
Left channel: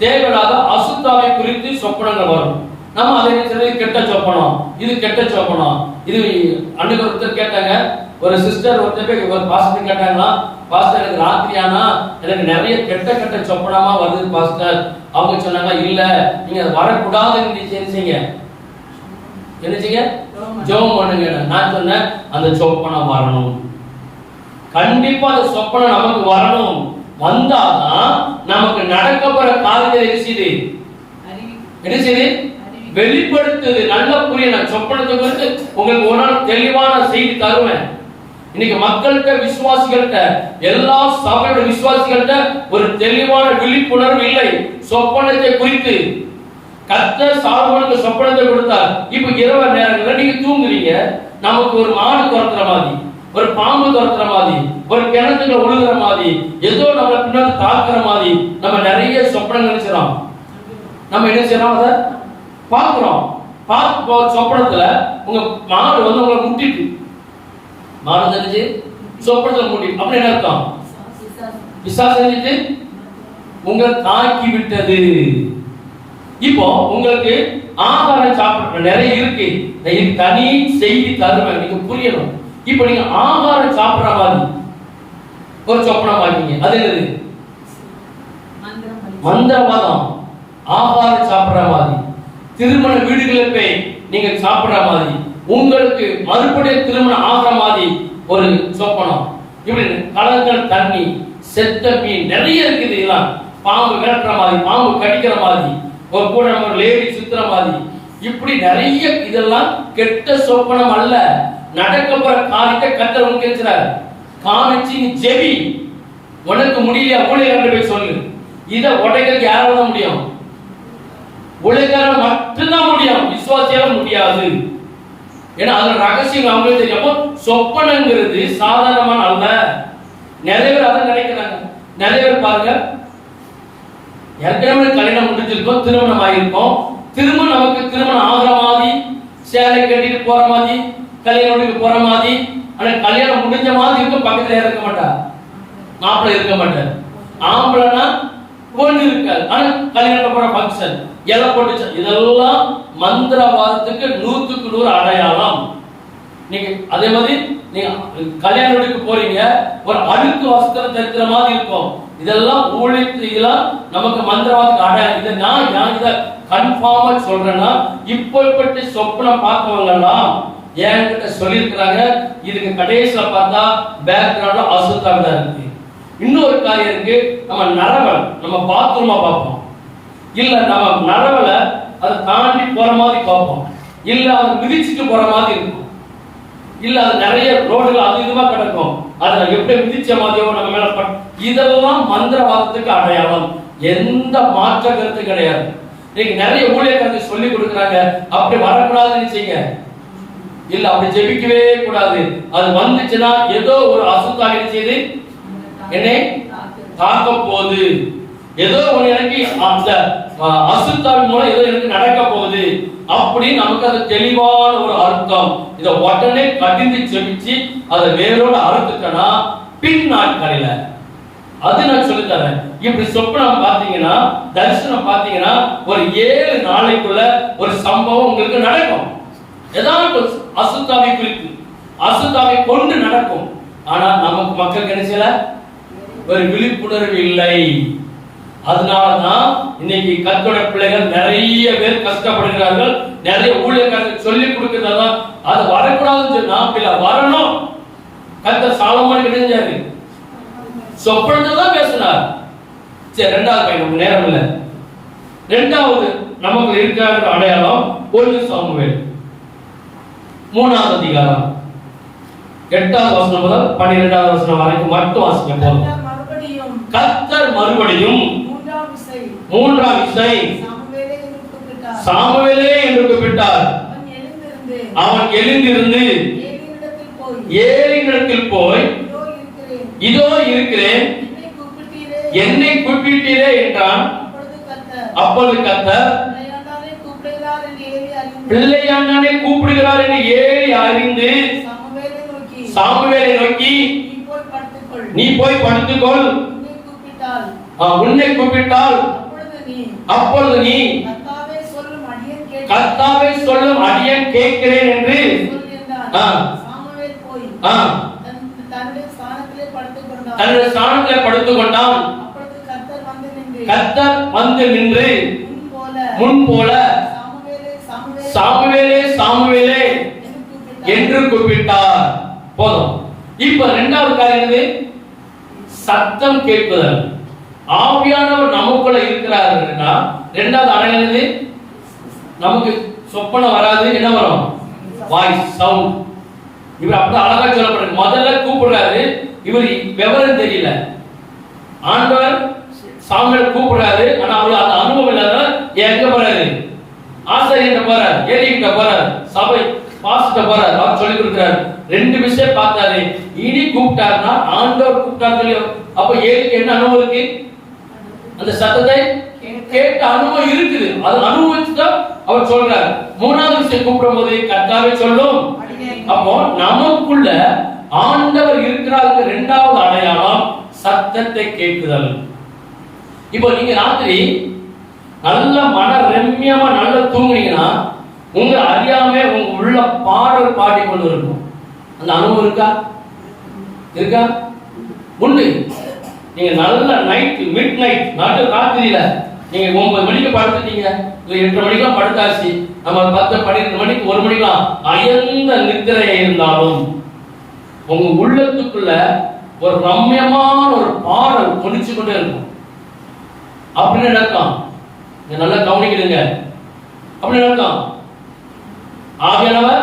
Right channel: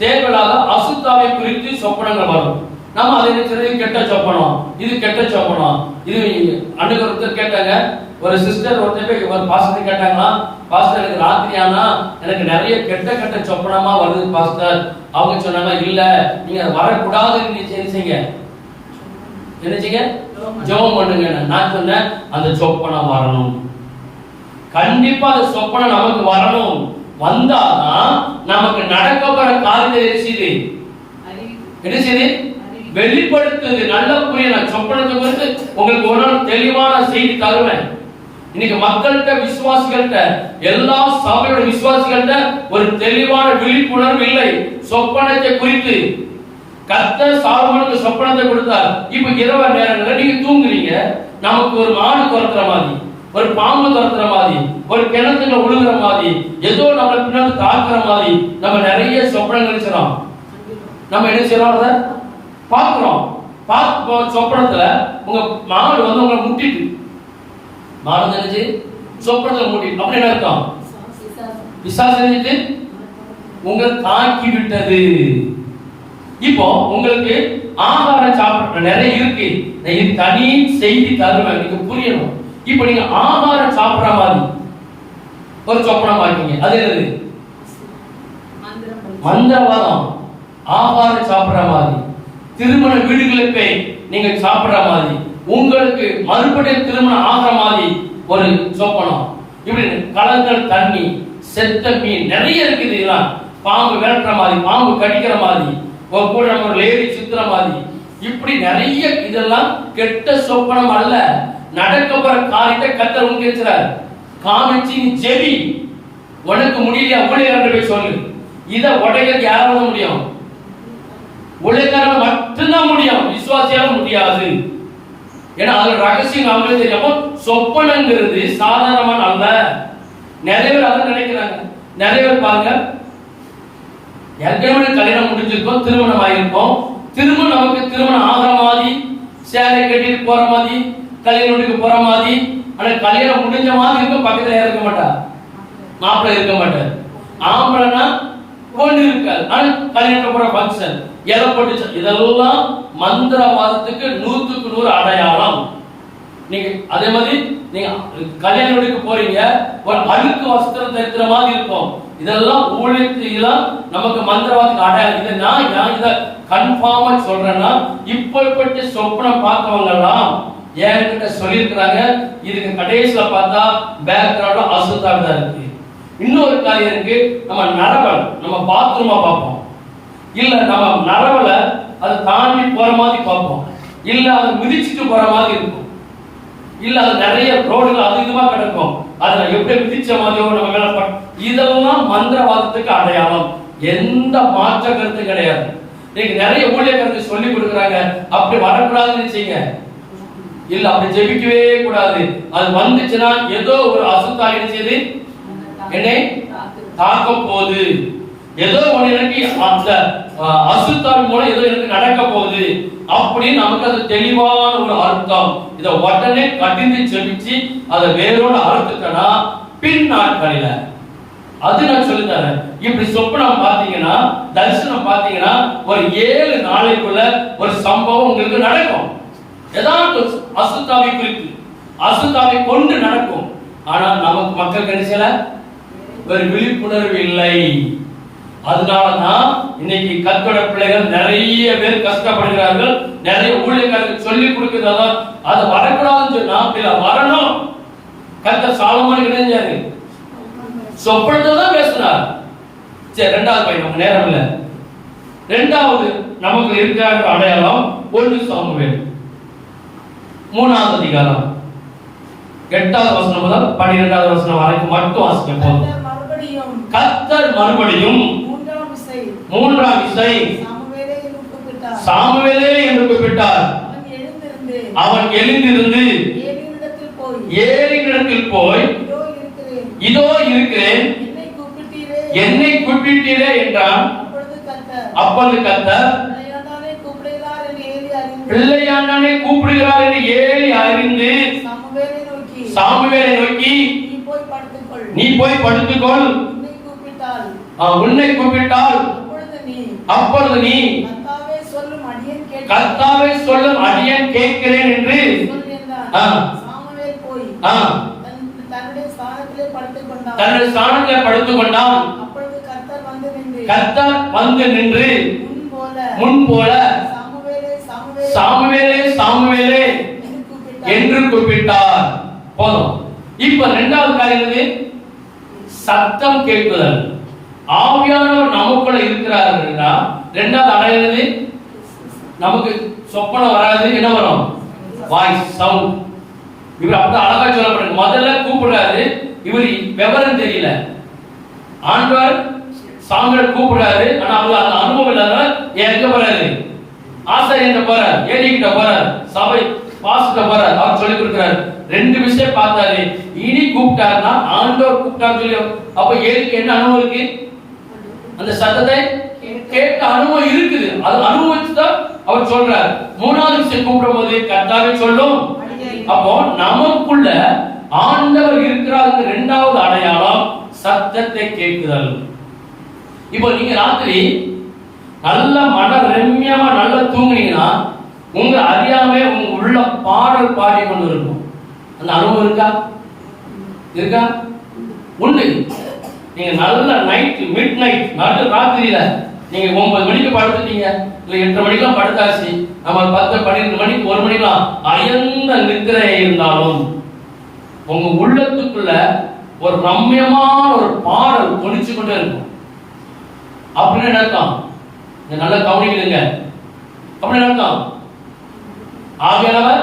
தேவையில்லாத அசுத்தாவை குறித்து சொப்பனங்கள் வரும். நம்ம அதை நினைச்சது கெட்ட சொப்பனம், இது கெட்ட சொப்பனம். இது அன்னைக்கு ஒருத்தர் கேட்டாங்க, ஒரு சிஸ்டர் ஒருத்தர் ஒரு பாஸ்டர் கேட்டாங்களா, பாஸ்டர் எனக்கு ராத்திரியானா எனக்கு நிறைய கெட்ட கெட்ட சொப்பனமா வருது பாஸ்டர். அவங்க சொன்னாங்க, இல்ல நீங்க வரக்கூடாதுன்னு நினைச்சீங்க, நினைச்சீங்க ஜெபம் பண்ணுங்க. நான் சொன்னேன் அந்த சொப்பனம் வரணும். கண்டிப்பா அந்த சொப்பனம் நமக்கு வரணும். வந்தாதான் நமக்கு நடக்க போற காரியத்தை என்ன வெளிப்படுத்துது. நல்ல புரியல சொப்பனத்தை குறித்து உங்களுக்கு ஒரு தெளிவான செய்தி தருவேன். இன்னைக்கு மக்கள்கிட்ட, விசுவாசிகள்கிட்ட, எல்லா சபையோட விசுவாசிகள்கிட்ட ஒரு தெளிவான விழிப்புணர்வு இல்லை சொப்பனத்தை குறித்து. கர்த்தர் சாலமோனுக்கு சொப்பனத்தை கொடுத்தார். இப்ப இரவு நேரங்கள்ல நீங்க தூங்குறீங்க, நமக்கு ஒரு மாடு துரத்துற மாதிரி, ஒரு பாம்பு துரத்துற மாதிரி, ஒரு கிணத்துல உழுகிற மாதிரி, ஏதோ நம்ம பின்னாடி தாக்குற மாதிரி நம்ம நிறைய சொப்பனங்கள் செய்றோம். நம்ம என்ன செய்றோம்? அதை பார்க்கிறோம். பார்த்து சொப்பனத்துல உங்க மாடு வந்து உங்களை முட்டிட்டு, மாடு தெரிஞ்சு சொப்பனத்துல முட்டி, அப்படி என்ன அர்த்தம்? பிசாசு செஞ்சுட்டு உங்களை தாக்கி விட்டது. இப்போ உங்களுக்கு ஆகாரம் சாப்பிட நிறைய இருக்கு, தனி செய்தி தருவேன், நீங்க புரியணும். இப்ப நீங்க ஆகாரம் சாப்பிடுற மாதிரி ஒரு சொப்பனம் பாக்கீங்க, அது என்னது? மந்திரவாதம். ஆகாரம் சாப்பிடுற மாதிரி, திருமண வீடுகளுக்கு நீங்க சாப்பிடுற மாதிரி, உங்களுக்கு மறுபடியும் திருமணம் ஆகிற மாதிரி ஒரு சொப்பனம். இப்படி கலங்கள் தண்ணி, செத்த மீன் நிறைய இருக்குது. இதெல்லாம் பாம்பு விரட்டுற மாதிரி, பாம்பு கடிக்கிற மாதிரி, ஒரு கூட நம்ம லேடி சுத்துற மாதிரி, இப்படி நிறைய இதெல்லாம் கெட்ட சொப்பனம் அல்ல. நடக்க போற காரியத்தை கர்த்தர் உங்களுக்கு காமிச்சு நீ ஜெபி. உனக்கு முடியலையா ஊழியர் போய் சொல்லு. இதை உடைக்கிறது யாரால முடியும்? ஊழியரால மட்டும்தான் முடியும், விசுவாசியால முடியாது. ஏன்னா அது ரகசியம் அவங்களுக்கு தெரியும். சொப்பனங்கிறது சாதாரணமான அல்ல. நிறைய பேர் அதை நினைக்கிறாங்க. நிறைய பேர் பாருங்க, ஏற்கனவே கல்யாணம் முடிஞ்சிருக்கோம், திருமணம் ஆயிருக்கும், திருமணம் நமக்கு திருமணம் ஆகிற மாதிரி, சேலை கட்டிட்டு போற மாதிரி, கல்யாணத்துக்கு போற மாதிரி, ஆனா கல்யாணம் முடிஞ்ச மாதிரி இருக்கும், பக்கத்துல இருக்க மாட்டா. மாப்பிள்ளை இருக்க மாட்டார். ஆம்பளைனா ஒண்ணு இருக்காது. ஆனா கல்யாணத்துல போற ஃபங்க்ஷன் எதை போட்டு, இதெல்லாம் மந்திரவாதத்துக்கு 100க்கு 100 அடையாளம். நீங்க அதே மாதிரி நீங்க கல்யாண வீட்டுக்கு போறீங்க, ஒரு அழுக்கு வஸ்திரம் தைக்கிற மாதிரி இருக்கும். இதெல்லாம் ஊழியெல்லாம் நமக்கு மந்திரவாதத்துக்கு அடையாளம். இதை நான் இதை கன்ஃபார்மா சொல்றேன்னா, இப்படிப்பட்ட சொப்பனம் பார்த்தவங்க எல்லாம் என்கிட்ட சொல்லியிருக்கிறாங்க. இதுக்கு கடைசியில பார்த்தா பேக்ரவுண்ட்ல அசுத்தாவி தான் இருக்கு. இன்னொரு காரியம் இருக்கு, நம்ம நரவல் நம்ம பாத்ரூமா பார்ப்போம், இல்ல நம்ம நரவல அதை தாண்டி போற மாதிரி பார்ப்போம், இல்ல அதை மிதிச்சுட்டு போற மாதிரி இருக்கும், இல்ல அது நிறைய ரோடுல அது இதுமா கிடக்கும், அதை எப்படி மிதிச்ச மாதிரியோ நம்ம மேல. இதெல்லாம் மந்திரவாதத்துக்கு அடையாளம். எந்த மாற்ற கருத்து கிடையாது. நீங்க நிறைய ஊழியக்காரர்கள் சொல்லி கொடுக்குறாங்க, அப்படி வரக்கூடாதுன்னு செய்யுங்க, இல்ல அப்படி ஜெபிக்கவே கூடாது. அது வந்துச்சுன்னா ஏதோ ஒரு அசுத்தாவி செய்து என்னை தாக்க போகுது, ஏதோ ஒண்ணு எனக்கு அந்த அசுத்தாவி மூலம் ஏதோ எனக்கு நடக்க போகுது அப்படின்னு நமக்கு அது தெளிவான ஒரு அர்த்தம். இதை உடனே கடிந்து ஜெபிச்சு அதை வேறோட அறுத்துட்டனா பின் நாட்களில அது நான் சொல்லி தரேன். இப்படி சொப்பனம் பாத்தீங்கன்னா, தரிசனம் பாத்தீங்கன்னா, ஒரு 7 நாளைக்குள்ள ஒரு சம்பவம் உங்களுக்கு நடக்கும். ஏதாவது அசுத்தாவி குறித்து அசுத்தாவி கொண்டு நடக்கும். ஆனா நமக்கு மக்களுக்கு என்ன செய்யல, ஒரு விழிப்புணர்வு இல்லை. அதனாலதான் இன்னைக்கு கர்த்தருடைய பிள்ளைகள் நிறைய பேர் கஷ்டப்படுகிறார்கள். நிறைய ஊழியக்காரர்கள் சொல்லி கொடுக்கிறதா அது வரக்கூடாதுன்னு சொன்னா இல்ல வரணும். கர்த்தர் சாலமோனுக்கு நினைஞ்சாரு, சொப்பனத்தை தான் பேசினார். சரி, 2வது பையன் நேரம் இல்ல. 2வது நமக்கு இருக்கிற அடையாளம் 1 சாமுவேல் 3வது அதிகாரம் 8வது வசனம் முதல் 12வது வசனம் வரைக்கும் மட்டும் வாசிக்க போதும். கர்த்தர் மறுபடியும் 3ஆம் விசை சாமுவேலே என்று கூப்பிட்டார். அவன் எழுந்திருந்து ஏலியினிடத்தில் போய் இதோ இருக்கிறேன், என்னை கூப்பிட்டீரே என்றான். அப்பொழுது கர்த்தர் பிள்ளையாண்டானே கூப்பிடுகிறார் என்று ஏலி அறிந்து சாமுவேலை நோக்கி நீ போய் படுத்துக்கொள், உன்னை கூப்பிட்டால் அப்பொழுது நீ கர்த்தாவே சொல்லும் அடியேன் கேட்கிறேன் என்று தன்னுடைய ஸ்தானத்திலே படுத்துக் கொண்டான். கர்த்தர் வந்து நின்று முன் போல சாமுவேலே சாமுவேலே என்று கூப்பிட்டார். போதும். இப்ப 2வது காரியம் சத்தம் கேட்குதல். ஆவியானவர் நமக்குள்ள இருக்கிறாருன்னா 2வது அடையாளம் நமக்கு சொப்பனம் வராது, என்ன வரும்? Voice, sound. இவர் அப்படி அழகா சொல்லப்படுறது. முதல்ல கூப்பிடுறாரு, இவர் விவரம் தெரியல. ஆண்டவர் சாமுவேலை கூப்பிடுறாரு, ஆனா அவருக்கு அந்த அனுபவம் இல்லாத எங்க போறாரு? ஆசிரியர்கிட்ட போறாரு, ஏலிகிட்ட போறாரு, சபை பாஸ்டர் போறாரு, அவர் சொல்லி கொடுக்கிறாரு. 2 விஷயம் பார்த்தாரு. இனி கூப்பிட்டாருன்னா ஆண்டவர் கூப்பிட்டாரு சொல்லி, அப்ப ஏலிக்கு என்ன அனுபவம் இருக்கு? அந்த சத்தத்தை கேட்ட அனுபவம் இருக்குது. அது அனுபவிச்சுதான் அவர் சொல்றாரு. 3வது விஷயம் கூப்பிடும் போது கர்த்தாவே சொல்லும். அப்போ நமக்குள்ள ஆண்டவர் இருக்கிறாருக்கு 2வது அடையாளம் சத்தத்தை கேட்குதல். இப்போ நீங்க ராத்திரி நல்ல மன ரம்யமா நல்ல தூங்குனீங்கன்னா உங்க அறியாம உங்க உள்ள பாடல் பாடி கொண்டு இருக்கும். அந்த அனுபவம் இருக்கா? இருக்கா? உண்டு. நீங்க நல்ல நைட் மிட் நைட் நடு ராத்திரியில நீங்க 9 மணிக்கு படுத்துட்டீங்க, இல்ல 8 மணிக்கெல்லாம் படுத்தாச்சு, நம்ம 10 12 மணிக்கு 1 மணிக்கெல்லாம் அயர்ந்த நித்திரையா இருந்தாலும் உங்க உள்ளத்துக்குள்ள ஒரு ரம்யமான ஒரு பாடல் ஒலிச்சு கொண்டே இருக்கும். அப்படின்னு அர்த்தம். நல்லா கவனிக்கிறீங்க. அப்படின்னு அர்த்தம். ஆவியானவர்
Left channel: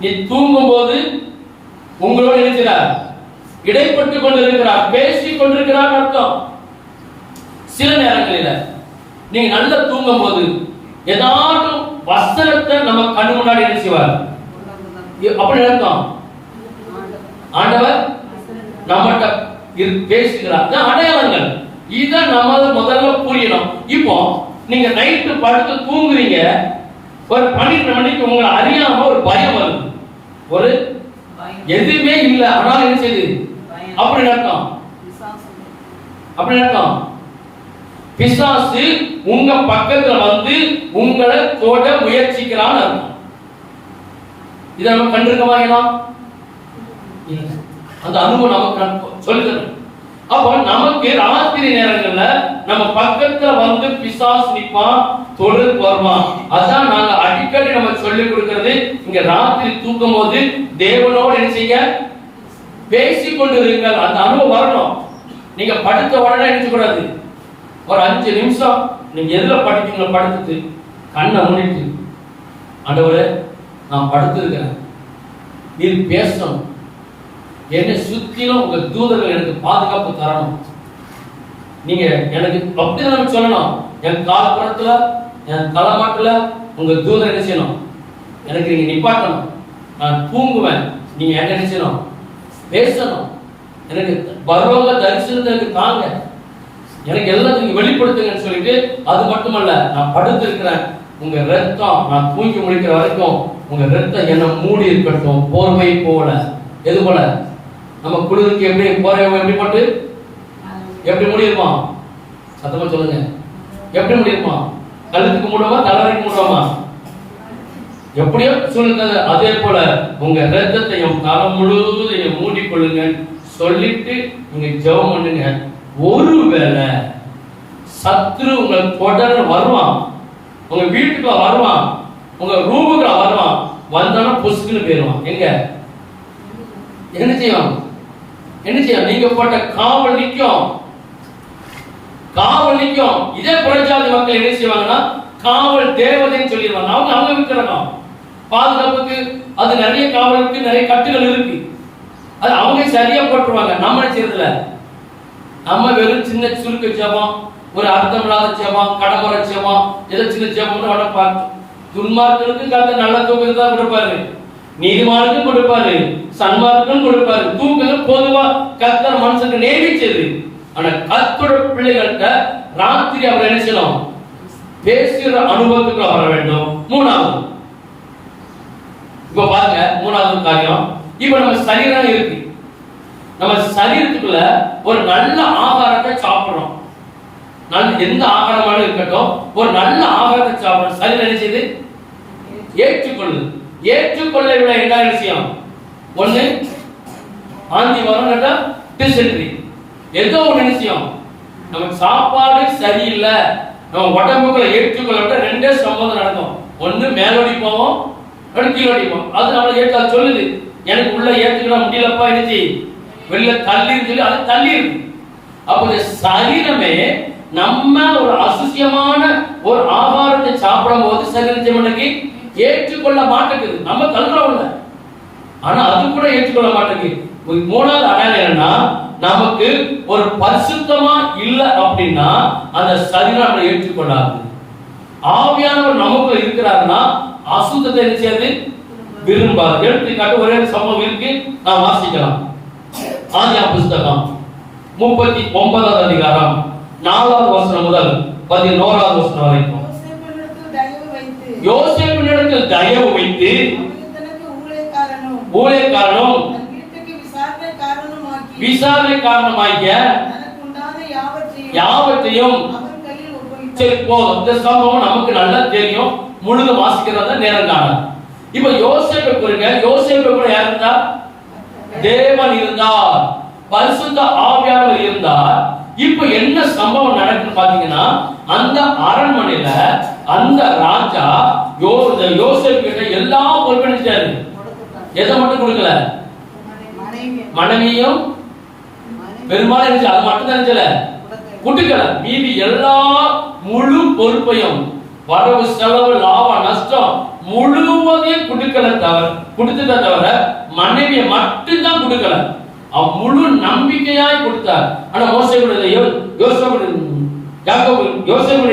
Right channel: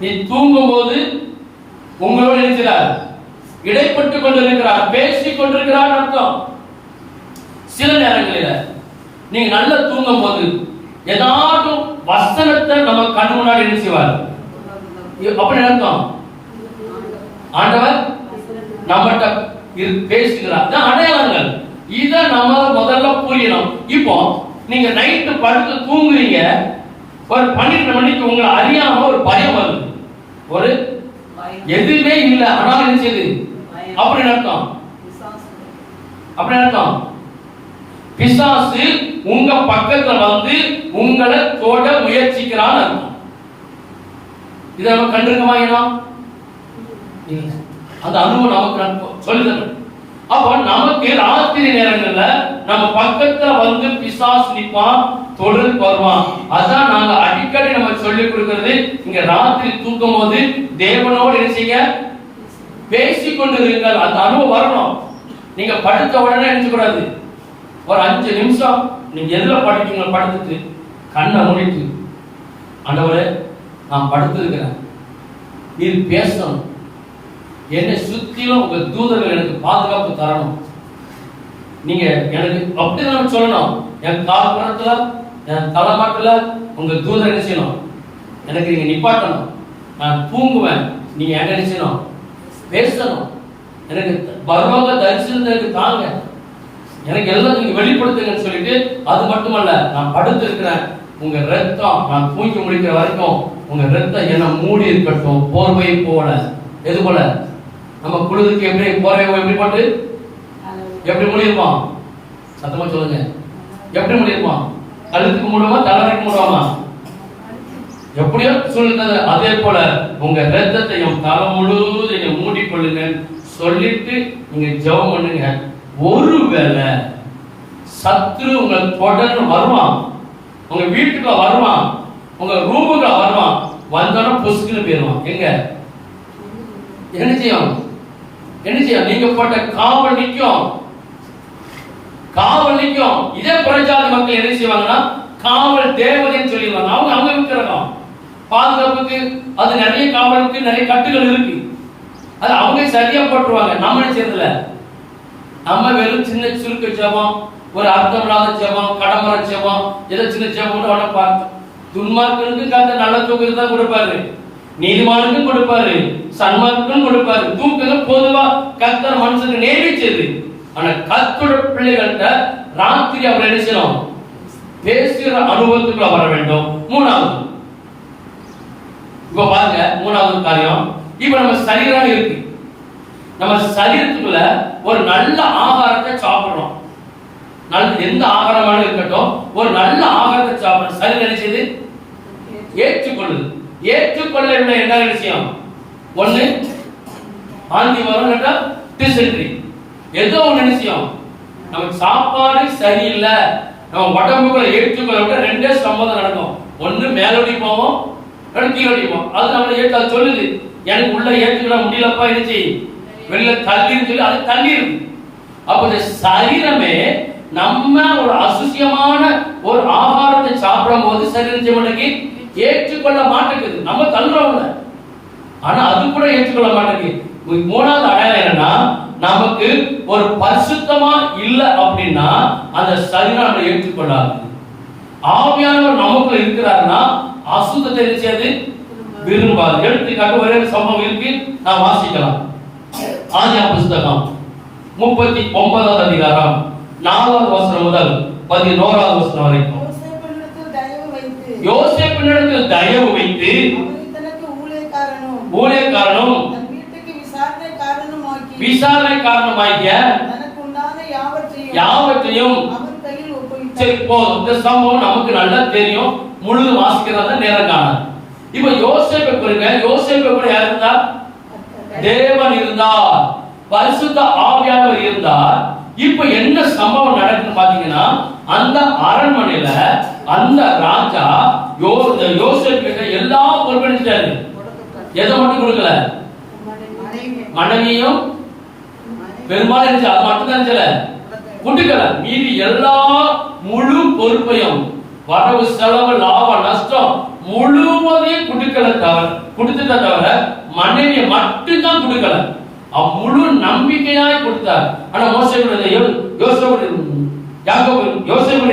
நீ தூங்கும் போது உங்களோடு இருக்கிறார், இடைப்பட்டு கொண்டிருக்கிறார், பேசிக் கொண்டிருக்கிறார் அர்த்தம். சில நேரங்களில் நீங்க நல்லா தூங்கும் போது ஏதாவது வசனத்தை நம்ம கண் முன்னாடி நினைச்சுவார். அப்படி அர்த்தம். ஆண்டவர் நம்மகிட்ட பேசுகிறார். அடையாளங்கள் இதை நம்ம முதல்ல புரியணும். இப்போ நீங்க நைட்டு படுத்து தூங்குறீங்க, ஒரு 12 மணிக்கு உங்களை அறியாம ஒரு பயம் வருது, ஒரு எதுவுமே இல்லை, ஆனால் என்ன செய்யுது? அப்படி அர்த்தம். அப்படி அர்த்தம். பிசாசு உங்க பக்கத்துல வந்து உங்களை தொட முயற்சிக்கிறான்னு அர்த்தம். இதை நம்ம கண்டிருக்கமா? அந்த அனுபவம் நமக்கு சொல்லுது. அப்ப நமக்கு ராத்திரி நேரங்கள்ல நம்ம பக்கத்துல வந்து பிசாசு நிப்பான், தொடர்ந்து வருவான். அதான் நாங்க அடிக்கடி நம்ம சொல்லி கொடுக்கிறது, இங்க ராத்திரி தூக்கும் போது தேவனோடு என்ன செய்ய, பேசிக்கொண்டிருங்கள். அந்த அனுபவம் வரணும். நீங்க படுத்த உடனே நினைச்சு கூடாது. ஒரு 5 நிமிஷம் நீங்க எதுல படிக்கீங்களோ படுத்துட்டு கண்ணை மூடிட்டு, ஆண்டவரே நான் படுத்திருக்கிறேன், நீர் பேசணும், என்னை சுத்திலும் உங்க தூதர்கள் எனக்கு பாதுகாப்பு தரணும். நீங்க எனக்கு அப்படி நம்ம சொல்லணும். என் கால் புறத்துல, என் தலைமாட்டுல உங்க தூதர் என்ன செய்யணும், எனக்கு நீங்க நிப்பாட்டணும். நான் தூங்குவேன், நீங்க என்ன செய்யணும், பேசணும். எனக்கு பரவங்க தரிசனத்தை எனக்கு தாங்க, எனக்கு எல்லாம் நீங்க வெளிப்படுத்துங்கன்னு சொல்லிட்டு, அது மட்டுமல்ல, நான் படுத்து இருக்கிறேன், உங்க ரத்தம் நான் தூங்கி முடிக்கிற வரைக்கும் உங்க ரத்தம் என்ன மூடி இருக்கட்டும், போர்வை போல. எது போல? நம்ம குளிருக்கு எப்படி போர்வை எப்படி போட்டு எப்படி மூடிருப்போம்? சத்தமா சொல்லுங்க. எப்படி மூடிருப்போம்? கழுத்துக்கு மூடுமா, தலைவருக்கு மூடுமா? எப்படியோ சூழ்நிலை. அதே போல உங்க ரத்தத்தையும் தலை முழுவதையும் மூடிக்கொள்ளுங்க சொல்லிட்டு நீங்க ஜெபம் பண்ணுங்க. ஒருவேளை சத்ரு உங்கள் தொடர்ந்து வருவான், உங்க வீட்டுக்குள்ள வருவான், உங்க ரூமுக்குள்ள வருவான், வந்தோன்னா பொசுக்குன்னு போயிருவான். எங்க என்ன செய்யும்? என்ன செய்யும்? நீங்க போட்ட காவல் நிற்கும், காவல் நிற்கும். இதே புறஜாதி மக்கள் என்ன செய்வாங்கன்னா, காவல் தேவதைன்னு சொல்லிடுவாங்க. அவங்க இருக்கிறாங்க பாதுகாப்புக்கு. அது நிறைய காவலுக்கு நிறைய கட்டுகள் இருக்கு, அது அவங்க சரியா போட்டுருவாங்க. நம்ம செய்யறதுல நம்ம வெறும் சின்ன சுருக்க ஜெபம், ஒரு அர்த்தம் இல்லாத ஜெபம், கடமர ஜெபம், ஏதோ சின்ன ஜெபம்னு உடனே பார்த்து. துன்மார்க்கனுக்கு கர்த்தர் நல்ல தூக்கத்தை தான் கொடுப்பாரு, நீதிமானுக்கும் கொடுப்பாரு, சன்மார்க்கும் கொடுப்பாரு. தூக்கம் பொதுவா கர்த்தர் மனுஷனுக்கு நேமிச்சது. ஆனா கர்த்தரோட பிள்ளைகள்கிட்ட ராத்திரி அவர் என்ன செய்யணும், பேசுகிற அனுபவத்துக்குள்ள வர வேண்டும். மூணாவது, இப்ப பாருங்க, மூணாவது காரியம், இப்ப நம்ம சரீரம் இருக்கு, நம்ம சரீரத்துக்குள்ள ஒரு நல்ல ஆகாரத்தை சாப்பிடுறோம். எந்த ஆகாரமான இருக்கட்டும், ஒரு நல்ல ஆகாரத்தை சாப்பிடுறோம். சரீரம் என்ன செய்யுது, ஏற்றுக்கொள்ளுது. ஏற்றுக்கொள்ளவில்லை என்ன விஷயம்? ஒண்ணு ஆந்தி வரும், கேட்டா டிசென்ட்ரி, ஏதோ ஒரு விஷயம். நமக்கு சாப்பாடு சரியில்லை, நம்ம உடம்புக்குள்ள ஏற்றுக்கொள்ள விட ரெண்டே சம்பந்தம் நடக்கும். ஒண்ணு மேலோடி போவோம், கீழோடி போவோம். அது நம்மளை ஏற்று சொல்லுது, எனக்கு உள்ள ஏற்றுக்கிட முடியலப்பா, என்ன செய்ய வெளில தள்ளின்னு சொல்லி அது தள்ளி இருக்கு. அப்ப இந்த சரீரமே நம்ம ஒரு அசுசியமான ஒரு ஆகாரத்தை சாப்பிடும் போது சரீரத்தை ஏற்றுக்கொள்ள மாட்டேங்குது. நம்ம தள்ளுறவங்க, ஆனா அது கூட ஏற்றுக்கொள்ள மாட்டேங்குது. மூணாவது அடையாளம் என்னன்னா, நமக்கு ஒரு பரிசுத்தமா இல்ல அப்படின்னா அந்த சரீரம் நம்ம ஏற்றுக்கொள்ளாது. ஆவியானவர் நமக்குள்ள இருக்கிறாருன்னா அசுத்தத்தை என்ன செய்யாது, விரும்பாது. எடுத்துக்காட்டு ஒரே சம்பவம் இருக்கு, நான் வாசிக்கலாம். ஆதியாகம புத்தகம் 39வது அதிகாரம் 4வது வசனம் முதல் 11வது வசனம் வரைக்கும். யோசேப்பினிடத்தில் தயவு வைத்து ஊழியக்காரனும் விசாரணை காரணமாகிய யாவற்றையும். சரி போதும், இந்த சம்பவம் நமக்கு நல்லா தெரியும், முழுதும் வாசிக்கிறதா நேரம் காணும். இப்ப யோசேப்பை குறிங்க, யோசேப்பை கூட யார் இருந்தா? தேவன் இருந்தார், பரிசுத்த ஆவியானவர் இருந்தார். இப்ப என்ன சம்பவம் நடக்குன்னு பாத்தீங்கன்னா, அந்த அரண்மனையில அந்த ராஜா யோசேப்பு கிட்ட எல்லா பொறுப்பெடுத்தாரு. எதை மட்டும் கொடுக்கல, மனைவியும் பெரும்பாலும் அது மட்டும் நினைச்சல கொடுக்கல. மீதி எல்லா முழு பொறுப்பையும், வரவு செலவு லாபம் நஷ்டம் முழுவதையும் கொடுத்துட்ட தவிர மனைவியை மட்டும்தான் கொடுக்கல. முழு நம்பிக்கையாய் கொடுத்தார். ஆனா யோசேப்பு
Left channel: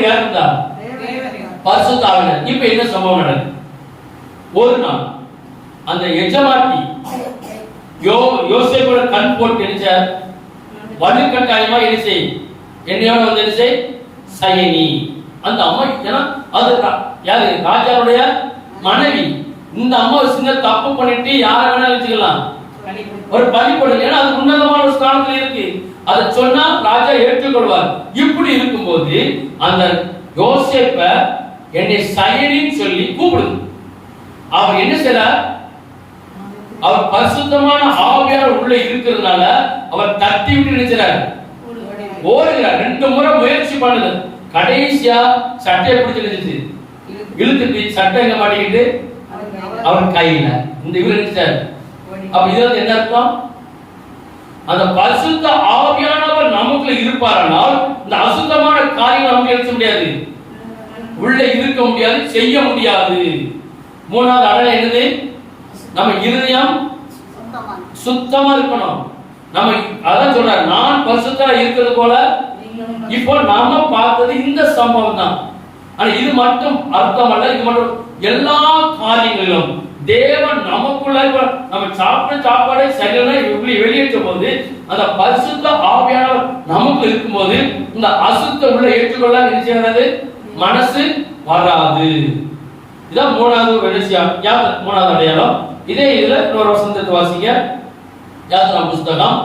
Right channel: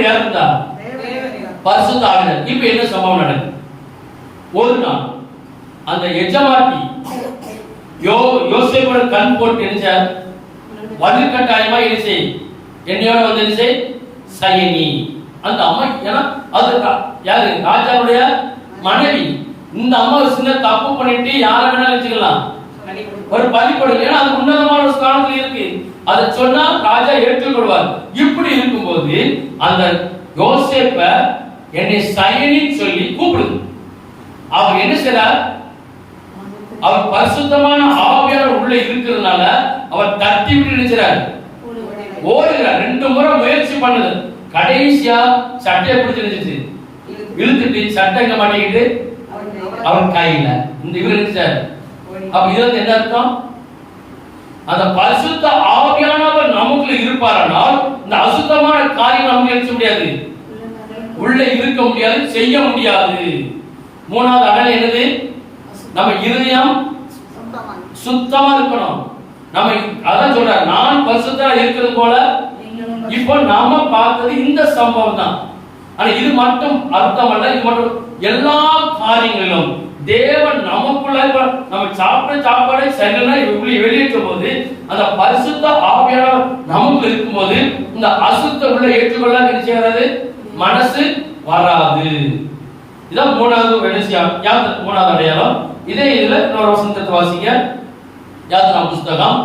யார் இருந்தா? பரிசுத்த ஆவியானவர். இப்ப என்ன சம்பவம் நடக்குது? ஒரு நாள் அந்த எஜமாட்டி யோசேப்போட கண் போட்டு என்ன வலுக்கட்டாயமா என்ன செய், என்னையோட வந்து என்ன செய் சயனி. அந்த அம்மா, ஏன்னா அது யாரு? ராஜாவுடைய மனைவி. இந்த அம்மா சின்ன தப்பு பண்ணிட்டு யார வேணா வச்சுக்கலாம், ஒரு பழிப்படும். ஏன்னா அது உன்னதமான ஒரு ஸ்தானத்துல இருக்கு. அதை சொன்னா ராஜா ஏற்றுக்கொள்வார். இப்படி இருக்கும்போது அந்த யோசேப்ப என்னை சயனின்னு சொல்லி கூப்பிடுது. அவர் என்ன செய்றார்? அவர் பரிசுத்தமான ஆவியானவர் உள்ள இருக்கிறதுனால அவர் தட்டி விட்டு நினைச்சார், ஓடுகிறார். 2 முறை முயற்சி பண்ணுது. கடைசியா சட்டையை பிடிச்சு நினைச்சு இழுத்துட்டு சட்டை எங்க மாட்டிக்கிட்டு அவர் கையில இந்த இவர் நினைச்சார். அப்ப இது என்ன அர்த்தம்? அந்த பரிசுத்த ஆவியானவர் நமக்குள்ள இருப்பாரானால் இந்த அசுத்தமான காரியம் நமக்கு எழுத முடியாது, உள்ள இருக்க முடியாது, செய்ய முடியாது. 3வது அடையாளம் என்னது? நம்ம இருதயம் சுத்தமா இருக்கணும். நம்ம அதான் சொல்றாரு, நான் பரிசுத்தமா இருக்கிறது போல. இப்போ நாம பார்த்தது இந்த சம்பவம் தான். ஆனா இது மட்டும் அர்த்தம் அல்ல. இது மட்டும் எல்லா காரியங்களிலும் தேவன் நமக்குள்ள நம்ம சாப்பிட்ட சாப்பாடை சரியான வெளியேற்றும் போது அந்த பரிசுத்த ஆவியானவர் நமக்கு இருக்கும்போது இந்த அசுத்த உள்ள ஏற்றுக்கொள்ள நினைக்கிறது மனசு வராது. இதான் 3வது விஷயம். 3வது அடையாளம். இதே இதுல இன்னொரு வசனத்தை வாசிங்க. யாத்திரா புஸ்தகம்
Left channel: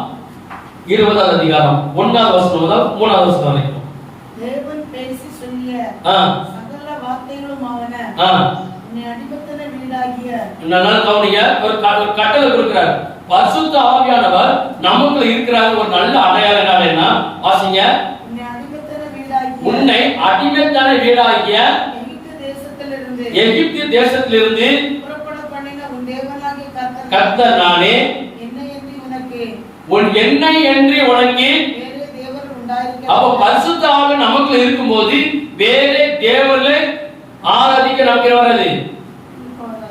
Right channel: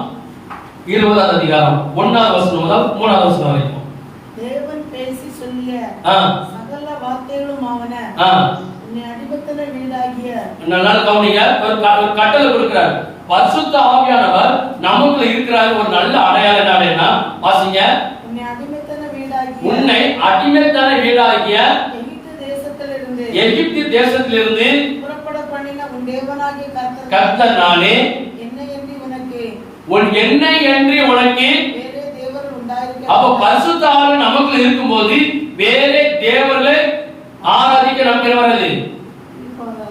20வது அதிகாரம் 1வது வசனம் முதல் 3வது வசனம் வரைக்கும். தேவன் பேசி சொல்லிய சகல வார்த்தைகளும் ஆவன. உன்னை அடிமைத்தன வீடாகிய நல்லா கவனிங்க. ஒரு கட்டளை கொடுக்கிறார். பரிசுத்த ஆவியானவர் நமக்குள்ள இருக்கிறார். ஒரு நல்ல அடையாளம் என்ன? வாசிங்க. உன்னை அடிமைத்தன வீடாகிய எகிப்து தேசத்திலிருந்து புறப்பட பண்ணின உன் தேவனாகிய கர்த்தர் நானே. உன் என்னை என்று உனக்கு வேறே தேவர் உண்டாயிருக்க. அப்ப பரிசுத்த ஆவி நமக்குள்ள இருக்கும்போது வேறே தேவர்களை ஆராதிக்க நமக்கு வராது,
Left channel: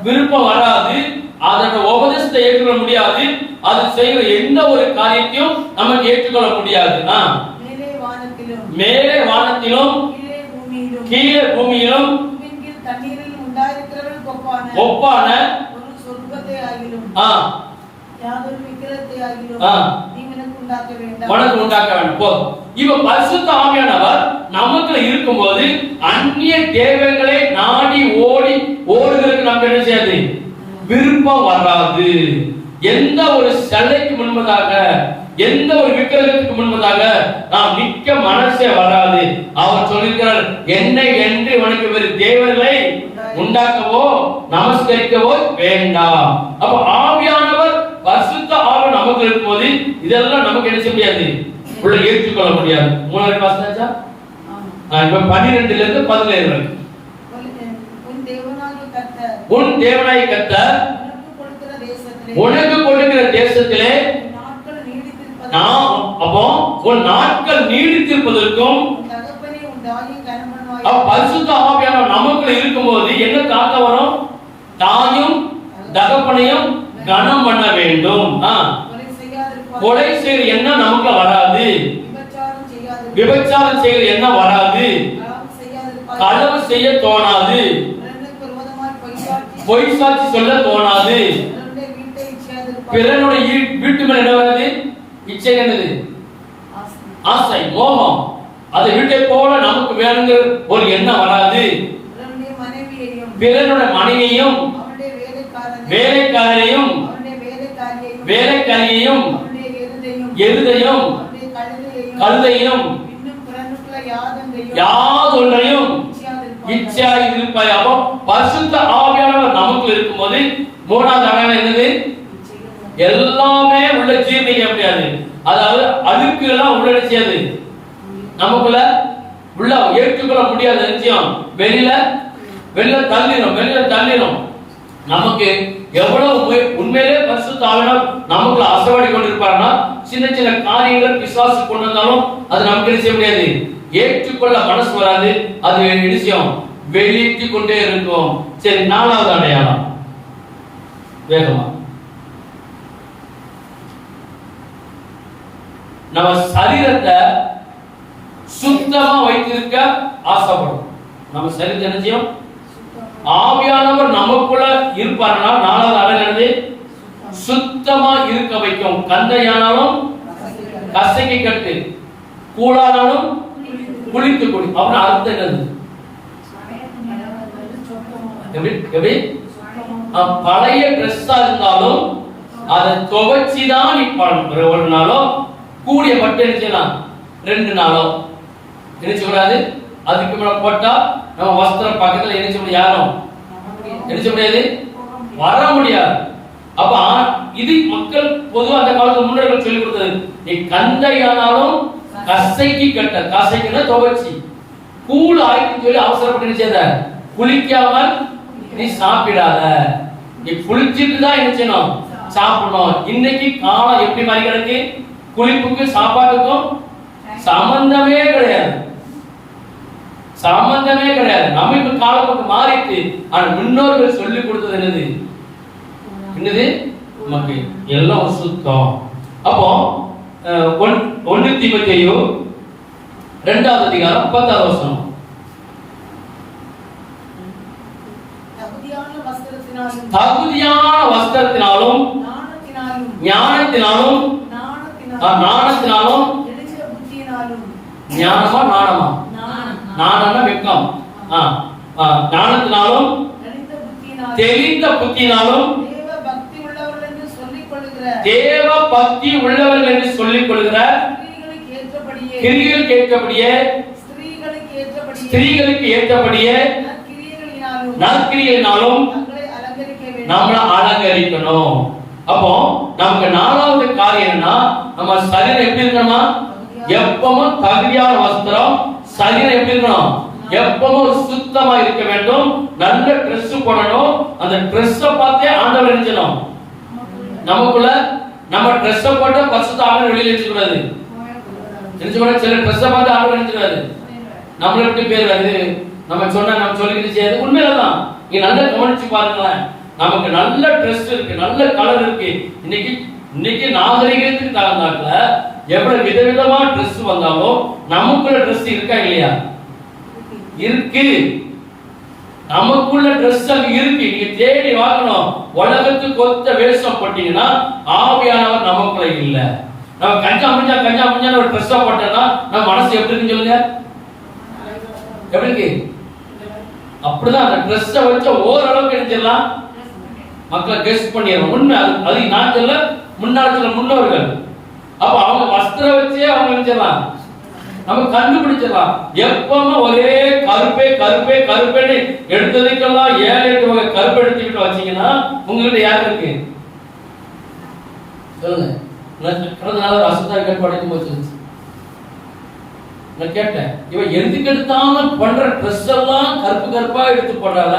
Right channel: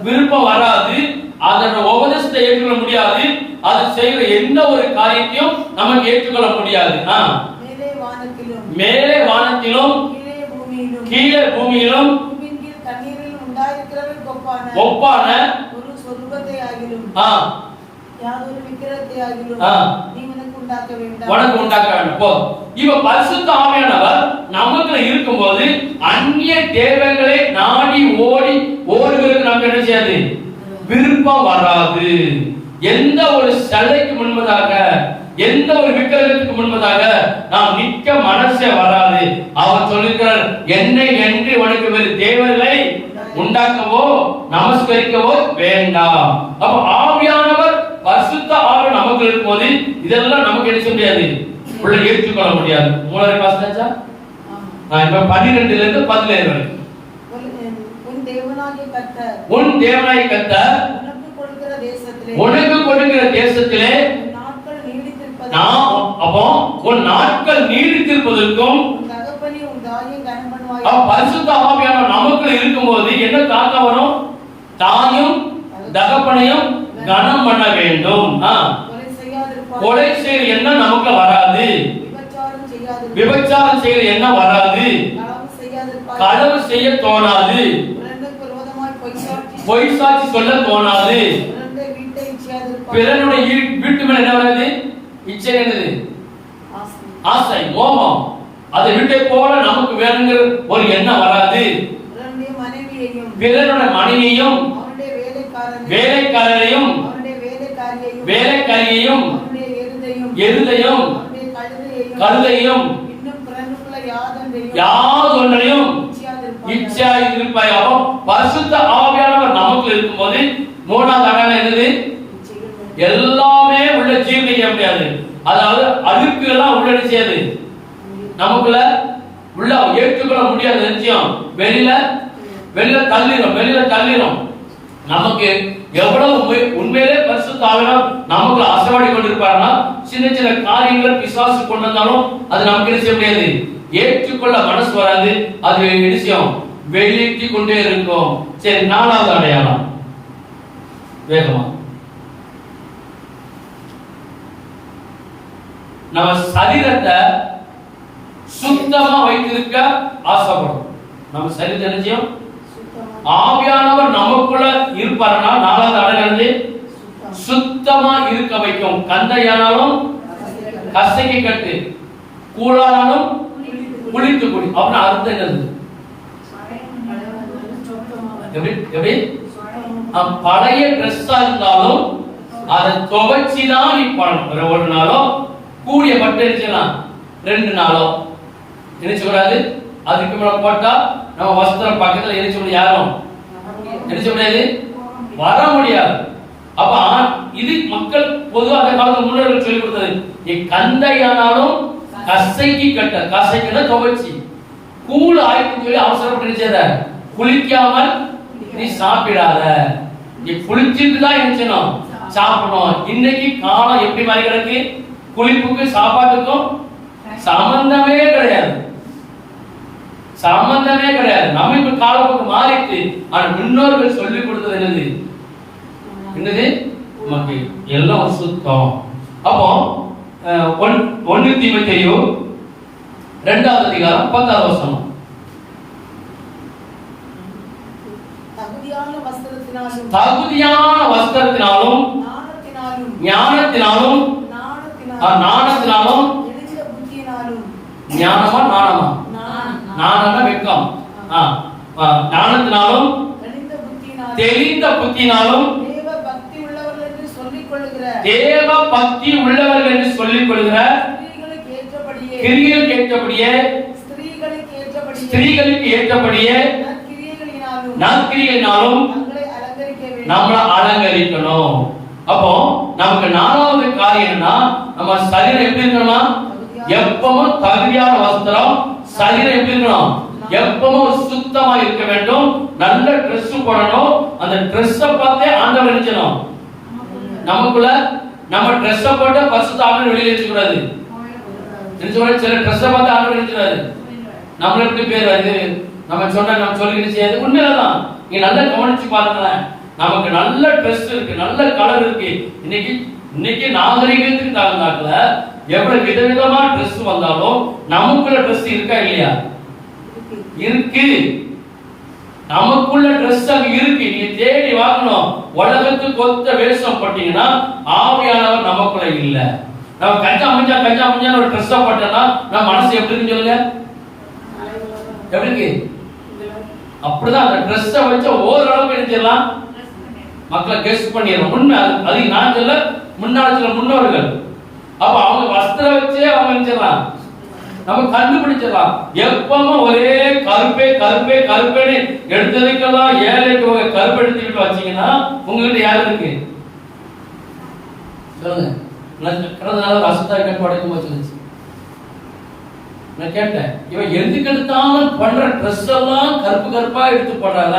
விருப்பம் வராது. அதோட உபதேசத்தை ஏற்றுக்கொள்ள முடியாது. அது செய்கிற எந்த ஒரு காரியத்தையும் நமக்கு ஏற்றுக்கொள்ள முடியாது. மேலே வானத்திலும் கீழே பூமியிலும் ஒப்பான ஒரு சொர்க்கத்தை ஆகிலும் யாதொரு விக்கிரகத்தை ஆகிலும் நீ எனக்கு உண்டாக்க வேண்டாம். இவ பரிசுத்த ஆவியானவர் நமக்குள்ள இருக்கும்போது அந்நிய தேவர்களை நாடி ஓடுகிறதுக்கு நமக்கு என்ன செய்யாது? விருப்பம் வராது. எந்த ஒரு சிலைக்கு முன்பதாக, எந்த ஒரு விக்கிரகத்துக்கு முன்பதாக நாம் நிற்க மனசே வராது. அவர் சொல்லிருக்கிறார், என்னை என்று உனக்கு வேறு தேவர்களை உண்டாக்கவோ நமஸ்கரிக்கவோ வேண்டாம். அப்ப ஆவியானவர் பரிசுத்த ஆவி நமக்கு இருக்கும்போது இதெல்லாம் நமக்கு என்ன செய்ய முடியாது, உள்ள ஏற்றுக்கொள்ள முடியாது. 3வது வாசிச்சா இப்ப 12ல இருந்து 17 வரை. உன் தேவனாகிய கர்த்தர் உனக்கு கொடுக்கிற தேசத்திலே அப்போ உன் நாட்கள் நீடித்திருப்பதற்கும் பரிசுத்த ஆவியானவர் நமக்குள்ள இருக்கும்போது என்ன தாக்க வரும்? தாயும் தகப்பனையும் கனம் பண்ண வேண்டும். கொலை செய்கிற எண்ணம் நமக்கு வராது, விபச்சாரம் செய்கிற எண்ணம் வராது, களவு செய்ய தோணாது, பொய் சாட்சி சொல்ல தோணாது, பிறனுடைய வீட்டு மேல என்ன வராது? இச்சை, என்னது? ஆசை, மோகம். அதை வீட்டை போல நமக்கு வேணுங்கிற ஒரு எண்ணம் வராது. பிறனுடைய மனைவியையும் வேலைக்காரரையும் வேலைக்காரியையும் எருதையும் கழுதையும் யாதொன்றையும் இச்சையாய் இருப்பாயாவோ. பரிசுத்த ஆவியானவர் நமக்கு இருக்கும்போது 3வது அடையாளம் என்னது? எல்லாமே உள்ள ஜீர்ணிக்க முடியாது. அதாவது அழுக்கு எல்லாம் உள்ள செய்யாது, நமக்குள்ள உள்ள ஏற்றுக்கொள்ள முடியாத நிச்சயம் வெளியில தள்ளிடும். நமக்கு எவ்வளவு உண்மையிலே பரிசுத்த ஆவியானவர் நமக்குள்ள அசைவாடி கொண்டிருப்பாருன்னா சின்ன சின்ன காரியங்களை பிசாசு கொண்டு வந்தாலும் அது நமக்கு என்ன செய்ய முடியாது, ஏற்றுக்கொள்ள மனசு வராது. அது நிச்சயம் வெளியிட்டு கொண்டே இருக்கும். சரி, 4வது அடையாளம் வேகமா. நம்ம சரீரத்தை சுத்தமா வைத்திருக்க ஆசைப்படும். நம்ம சரீரத்தை நிச்சயம் ஆவியானவர் நமக்குள்ள இருப்பாருன்னா 4வது அடையாளம் சுத்தமா இருக்க வைக்கும். கந்தையானாலும் கசைக்கு கட்டு, கூழானாலும் குளித்து குடி. அப்புறம் அர்த்தம் என்னது? எப்படி பழைய ட்ரெஸ்ஸா இருந்தாலும் அதை துவைச்சுதான் நீ ஒரு நாளும் கூடிய மட்டும் நினைச்சலாம் 2 நாளோ நினைச்சக்கூடாது. அதுக்கு மேல போட்டா நம்ம வஸ்திரம் பக்கத்துல நினைச்ச முடியாது, யாரும் நினைச்ச முடியாது, வர முடியாது. அப்ப இது மக்கள் பொதுவா அந்த காலத்துல முன்னோர்கள் சொல்லி கொடுத்தது. நீ கந்தையானாலும் கசைக்கு கட்ட, கசைக்குன்னா துவைச்சி கூழ் ஆயிடுன்னு சொல்லி அவசரப்பட்டு நினைச்சத குளிக்காமல் நீ சாப்பிடாத, நீ குளிச்சுட்டு தான் நினைச்சணும் சாப்பிடணும். இன்னைக்கு காலம் எப்படி மாதிரி கிடக்கு, குளிப்புக்கு சாப்பாட்டுக்கும் சம்பந்தமே கிடையாது, சம்பந்தமே கிடையாது. நம்ம இப்ப காலத்துக்கு மாறிட்டு, ஆனா முன்னோர்கள் சொல்லி கொடுத்தது என்னது என்னது நமக்கு எல்லாம் சுத்தம். அப்போ 1 தீமோத்தேயு 2ஆம் அதிகாரம் 10ஆம் வசனம். தகுதியான வஸ்திரத்தினாலும் ஞானத்தினாலும் நாணத்தினாலும், ஞானமா நாணமா, நாணம்னா வெக்கம், ஞானத்தினாலும் தெளிந்த புத்தினாலும் தேவ பக்தி உள்ளவர்கள் என்று சொல்லிக் கொள்கிற கிரியைகளுக்கு ஏற்றபடியே ஸ்திரீகளுக்கு ஏற்றபடியே நற்கிரியைகளினாலும் நம்மளை அலங்கரிக்கணும். அப்போ நமக்கு 4வது காரியம் என்னன்னா, நம்ம சரீரம் எப்படி இருக்கணுமா, எப்பவும் தகுதியான வஸ்திரம், சரீரம் எப்படி இருக்கணும், எப்பவும் சுத்தமா இருக்க வேண்டும், நல்ல Dress போடணும். அந்த Dress பார்த்தே ஆண்டவர் நினைச்சணும் நமக்குள்ள. நம்ம Dress போட்டு பரிசுத்த ஆவியானவர் வெளியில நினைக்க கூடாது, நினைச்ச கூடாது. சில Dress பார்த்து ஆண்டவர் நினைக்கிறாரு, நம்மளுக்கு பேர் அது நம்ம சொன்னா நம்ம சொல்லிக்கிட்டு செய்யாது உண்மையில்தான். நீங்க நல்லா கவனிச்சு பாருங்களேன், நமக்கு நல்ல Dress இருக்கு, நல்ல கலர் இருக்கு. இன்னைக்கு நாகரிகத்துக்கு தகுந்தாக்குல எவ்வளவு விதவிதமா Dress வந்தாலும் நமக்குள்ள Dress இருக்கா இல்லையா, இருக்கு. நமக்குள்ள Dress அங்க இருக்கு, நீங்க தேடி வாங்கணும். உலகத்துக்கு ஒத்த வேஷம் போட்டீங்கன்னா ஆவியானவர் நமக்குள்ள இல்ல. நம்ம கஞ்சா முஞ்சா ஒரு Dress போட்டோம்னா நம்ம மனசு எப்படி இருக்குன்னு சொல்லுங்க, எப்படி இருக்கு? அப்படிதான் அந்த Dress வச்சு ஓரளவுக்கு நினைச்சிடலாம், மக்களை கெஸ் பண்ணிடலாம். உண்மை அது நான் சொல்ல, முன்னாடி சொல்ல முன்னோர்கள். அப்ப அவங்க வஸ்திரம் வச்சே அவங்க நினைச்சிடலாம், நம்ம கண்டுபிடிச்சிடலாம். எப்பவும் ஒரே கருப்பே கருப்பே கருப்பேன்னு எடுத்ததுக்கெல்லாம் 7-8 வகை கருப்பு எடுத்துக்கிட்டு வச்சீங்கன்னா உங்ககிட்ட யாரு இருக்கு சொல்லுங்க. கடந்த நாள் அசுத்தா கேட்டு உடைக்கும் போச்சு. நான் கேட்டேன், இவன் எதுக்கு எடுத்தாலும் பண்ற ட்ரெஸ் எல்லாம் கருப்பு கருப்பா எடுத்து போடுறால,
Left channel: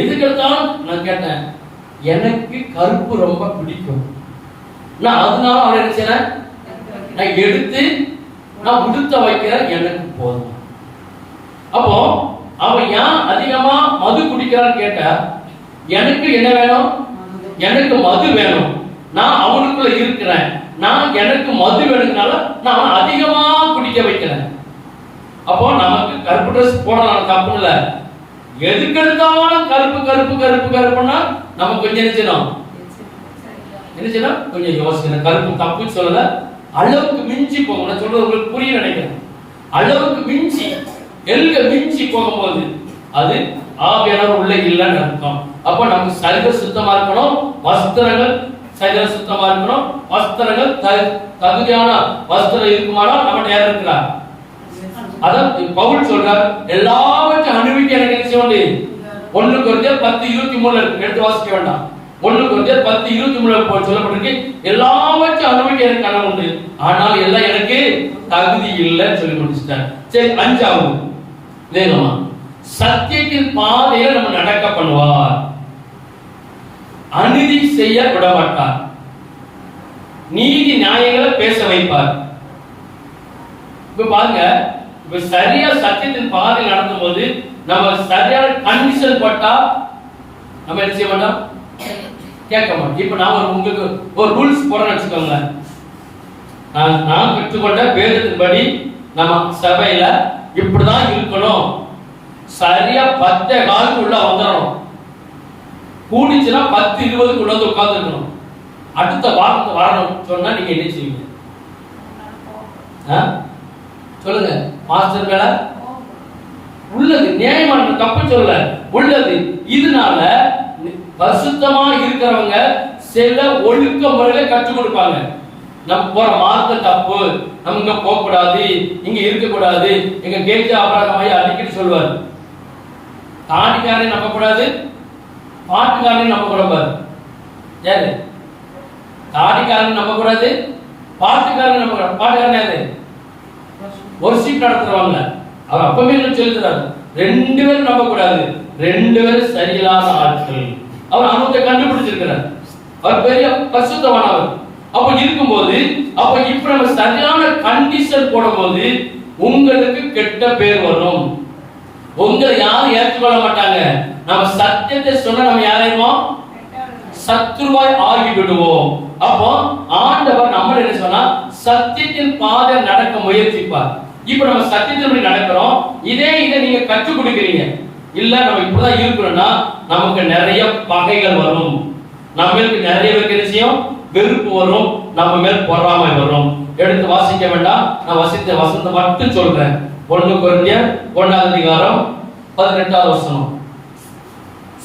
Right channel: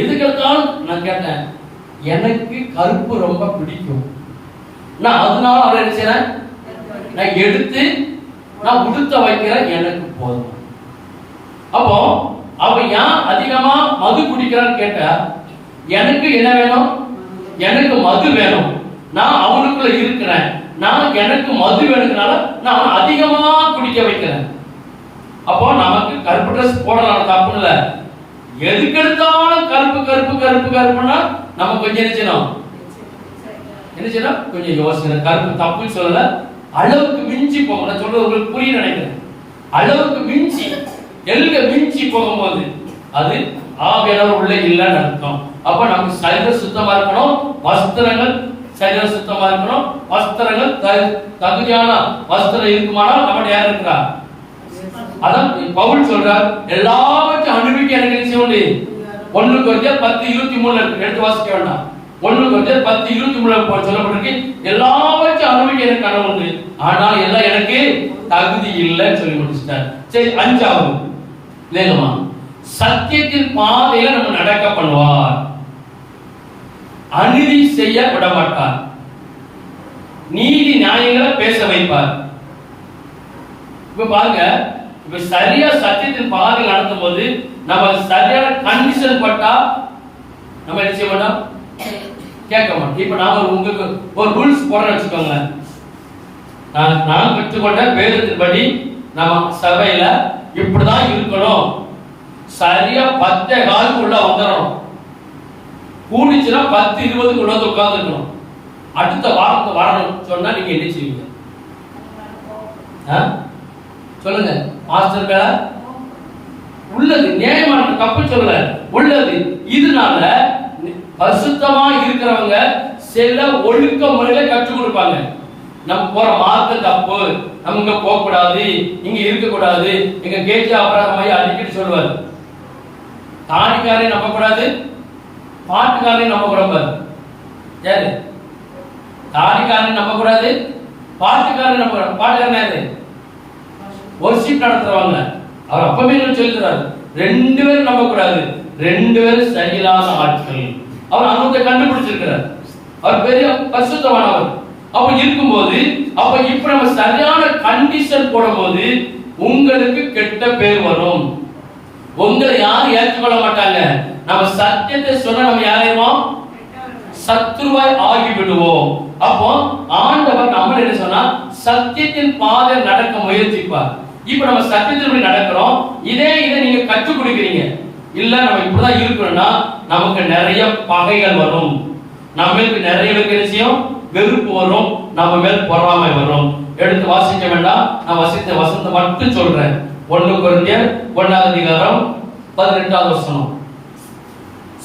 எதுக்கு எடுத்தாலும். நான் கேட்டேன், எனக்கு கருப்பு ரொம்ப பிடிக்கும், நான் அதனால அவரை நினைச்சேன் நான் எடுத்து நான் உடுத்த வைக்கிறேன், எனக்கு போதும். அப்போ அவன் ஏன் அதிகமா மது குடிக்கிறான்னு கேட்ட, எனக்கு என்ன வேணும், எனக்கு மது வேணும், நான் அவனுக்குள்ள இருக்கிறேன், நான் எனக்கு மது வேணுங்கனால நான் அதிகமா குடிக்க வைக்கிறேன். அப்போ நமக்கு கருப்பு ட்ரெஸ் போடலாம், தப்பு இல்ல. எதுக்கு எடுத்தாலும் கருப்பு கருப்பு கருப்பு கருப்புன்னா நம்ம கொஞ்சம் நினைச்சோம் கொஞ்சம் யோசனை. கருப்பு தப்பு சொல்லல, அளவுக்கு மிஞ்சி போகும். நான் சொல்றது உங்களுக்கு புரிய நினைக்கிறேன். அளவுக்கு மிஞ்சி மிஞ்சி போகும்போது அது ஆவியானவர் உள்ள இல்லைன்னு அர்த்தம். அப்ப நமக்கு சரீரம் சுத்தமா இருக்கணும், வஸ்திரங்கள் சரீரம் சுத்தமா இருக்கணும், வஸ்திரங்கள் தகுதியான வஸ்திரம் இருக்குமானால் நம்ம யார் இருக்கிறார். அதான் பவுல் சொல்றார், எல்லாவற்றையும் அனுபவிக்க எனக்கு என்ன செய்ய வேண்டியது. 1 கொரிந்தியர் 10:23 எடுத்து வாசிக்க வேண்டாம். 1 கொரிந்தியர் 10:23 சொல்லப்பட்டிருக்கு, எல்லாவற்றையும் அனுபவிக்க எனக்கு கனவு உண்டு, ஆனால் எல்லாம் எனக்கு தகுதி இல்லைன்னு சொல்லி முடிச்சுட்டார். சரி, 5வது வேகமா, சத்தியத்தின் பாதையில நம்ம நடக்க பண்ணுவார், அநீதி செய்ய விட மாட்டார், நீதி நியாயங்களை பேச வைப்பார். இப்ப பாருங்க, இப்ப சரியா சத்தியத்தின் பாதையில் நடக்கும் போது நம்ம சரியான கண்டிஷன் பட்டா நம்ம என்ன செய்ய மாட்டோம், கேட்க மாட்டோம். இப்ப நான் உங்களுக்கு ஒரு ரூல்ஸ் போறேன்னு வச்சுக்கோங்க. நான் கற்றுக்கொண்ட வேதத்தின்படி நம்ம சபையில இப்படிதான் இருக்கணும், சரியா 10:15 உள்ள வந்துடணும், கூடிச்சுன்னா 10:20 உள்ள வந்து உட்கார்ந்துக்கணும், அடுத்த வாரத்தை வரணும் சொன்னா நீங்க என்ன செய்வீங்க சொல்லுங்க. மாஸ்டர் வேலை உள்ளது, நியாயமான தப்பு சொல்ல உள்ளது. இதனால பரிசுத்தமா இருக்கிறவங்க சில ஒழுக்க முறையில கற்றுக் கொடுப்பாங்க. நம்ம போற மார்க்கம் தப்பு, நம்ம இங்க போக கூடாது, இங்க இருக்க கூடாது, இங்க கேஜ் அபராதமாயி அடிக்கடி சொல்லுவார். தாடிக்காரையும் நம்ப கூடாது, பாட்டுக்காரையும் நம்ப கூடாது. யாரு? தாடிக்காரன் நம்ப கூடாது, பாட்டுக்காரன் நம்ப கூடாது. பாட்டுக்காரன் யாரு? ஒரு சீட் நடத்துறவங்க. அவர் அப்பவே சொல்லி தராரு, 2 பேரும் நம்ப கூடாது, 2 பேரும் சரியில்லாத ஆட்கள். அவர் அனுபவத்தை கண்டுபிடிச்சிருக்கிறார். அவர் பெரிய பரிசுத்தமானவர். அப்ப இருக்கும்போது அப்ப இப்ப நம்ம சரியான கண்டிஷன் போடும்போது உங்களுக்கு கெட்ட பேர் வரும். உங்களை யாரும் ஏற்றுக்கொள்ள மாட்டாங்க. நம்ம சத்தியத்தை சொன்னா நம்ம யாரையும் சத்துருவாய் ஆகி விடுவோம். அப்போ ஆண்டவர் நம்ம என்ன சொன்னா சத்தியத்தின் பாதை நடக்க முயற்சிப்பார். இப்ப நம்ம சத்தியத்தின்படி நடக்கிறோம். இதை நீங்க கற்றுக் கொடுக்கிறீங்க. இல்ல நம்ம இப்படிதான் இருக்கணும்னா நமக்கு நிறைய பகைகள் வரும், நம்மளுக்கு நிறைய விஷயம் வெறுப்பு வரும், நம்ம மேல் பொறாமை வரும். எடுத்து வாசிக்க வேண்டாம், நான் வசித்த வசனத்தை மட்டும் சொல்றேன். 1 கொரிந்தியர் 1ஆம் அதிகாரம் 18ஆவது வசனம்.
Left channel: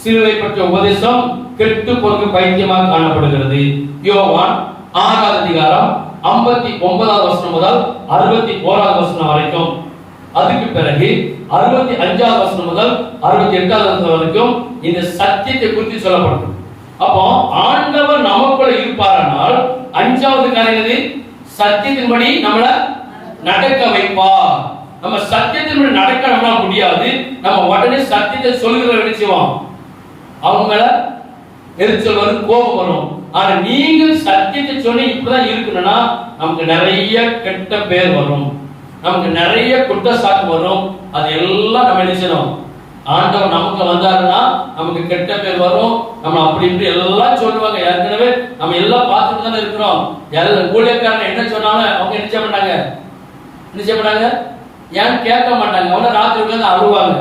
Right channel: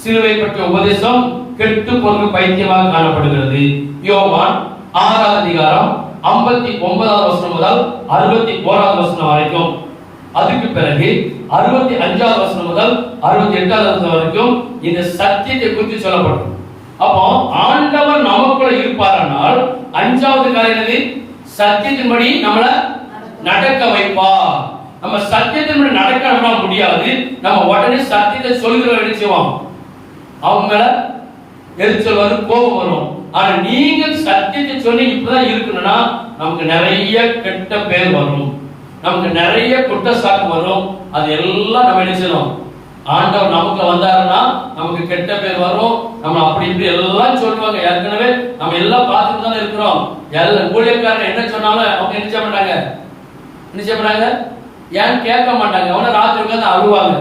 சிலுவை பற்றிய உபதேசம் கெட்டு போன பைத்தியமாக காணப்படுகிறது. யோவான் 6ஆம் அதிகாரம் 59ஆவது வசனம் முதல் 61ஆவது வசனம் வரைக்கும். அதுக்கு பிறகு 65ஆவது வசனம் முதல் 68ஆவது வசனம் வரைக்கும் இந்த சத்தியத்தை குறித்து சொல்லப்படும். அப்போ ஆண்டவர் நமக்குள்ள இருப்பாரானால் 5வது காரியம் சத்தியத்தின்படி நம்மள நடக்க வைப்பா. நம்ம சத்தியத்தின்படி நடக்க நம்மளால முடியாது. நம்ம உடனே சத்தியத்தை சொல்லுகிற நிச்சயம் அவங்க மேல எரிச்சல் வரும், கோபம் வரும். ஆனா நீங்க சத்தியத்தை சொல்லி இப்படிதான் இருக்கணும்னா நமக்கு நிறைய கெட்ட பேர் வரும், நமக்கு நிறைய குற்றச்சாட்டு வரும். அது எல்லாம் நம்ம என்ன செய்யணும்? ஆண்டவர் நமக்குள்ள வந்தாருன்னா நமக்கு கெட்ட பேர் வரும். நம்ம அப்படி இப்படி எல்லாம் சொல்லுவாங்க. ஏற்கனவே நம்ம எல்லாம் பார்த்துட்டு தானே இருக்கிறோம். எல்லாம் ஊழியக்காரங்க என்ன சொன்னாலும் அவங்க என்ன செய்ய மாட்டாங்க, ஏன்னு கேட்க மாட்டாங்க. அவன ராத்திரி உட்கார்ந்து அழுவாங்க,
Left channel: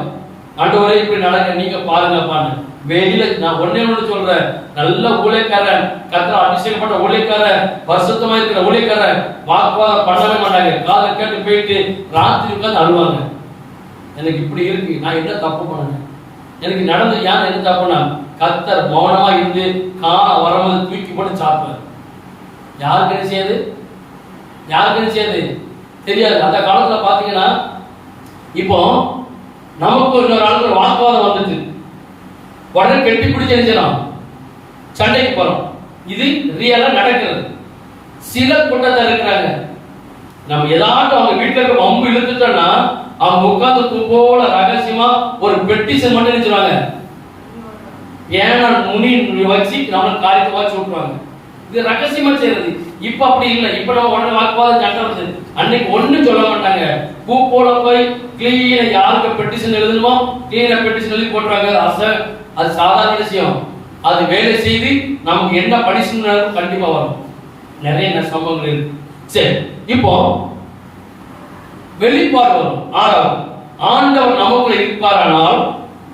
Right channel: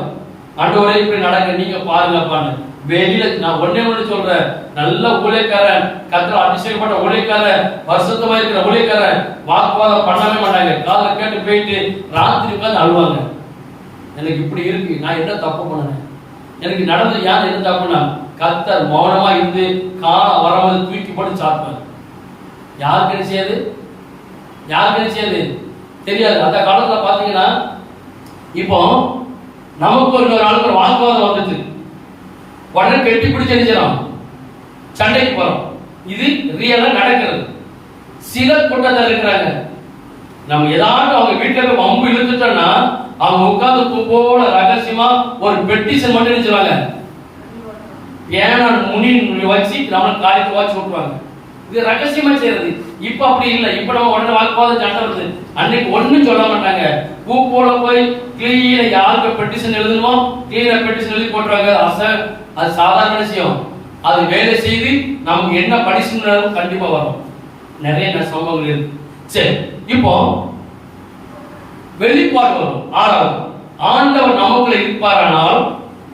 ஆண்டவரே இப்படி நடக்க நீங்க பாருங்கப்பான்னு. வெளியில நான் ஒன்னே சொல்றேன், நல்ல ஊழியக்காரன், கர்த்தர் அபிஷேகப்பட்ட ஊழியக்காரன், பரிசுத்தமா இருக்கிற ஊழியக்காரன் வாக்குவாதம் பண்ணவே மாட்டாங்க. காதுல கேட்டு போயிட்டு ராத்திரி உட்கார்ந்து அழுவாங்க. எனக்கு இப்படி இருக்கு, நான் என்ன தப்பு பண்ணேன், எனக்கு நடந்து யார் எது தப்புனா கர்த்தர் மௌனமா இருந்து காலம் வரும்போது தூக்கி போட்டு சாப்பிடுவேன். யாருக்கு என்ன செய்யாது, யாருக்கு என்ன செய்யாது தெரியாது. அந்த காலத்துல பாத்தீங்கன்னா இப்போ நமக்கு இன்னொரு ஆளுக்கு ஒரு வாக்குவாதம் வந்துச்சு, உடனே கெட்டி பிடிச்சு அடிச்சிடும், சண்டைக்கு போறோம். இது ரியலா நடக்கிறது. சில கூட்டத்தில் இருக்கிறாங்க, நம்ம ஏதாட்டும் அவங்க வீட்டுல இருக்க வம்பு இழுத்துட்டோம்னா அவங்க உட்கார்ந்து போல ரகசியமா ஒரு பெட்டிஷன் மட்டும் நினைச்சுவாங்க, ஏன்னா முனி வச்சு நம்ம காரியத்தை வச்சு விட்டுருவாங்க. இது ரகசியமா செய்யறது. இப்ப அப்படி இல்லை. இப்ப நம்ம உடனே வாக்குவாதம் சண்டை வருது. அன்னைக்கு ஒண்ணும் சொல்ல மாட்டாங்க, போல போய் கிளீன யாருக்கு பெட்டிஷன் எழுதணுமோ கிளீன பெட்டிஷன் எழுதி போட்டுருவாங்க. அது சாதாரண விஷயம். அது வேலை செய்து நமக்கு என்ன பனிஷ்மென்ட் கண்டிப்பா வரும். நிறைய சம்பவங்கள் இருக்கு. சரி, இப்போ வெளிப்பாடு வரும். ஆண்டவர் நமக்குள்ள இருப்பாரானால்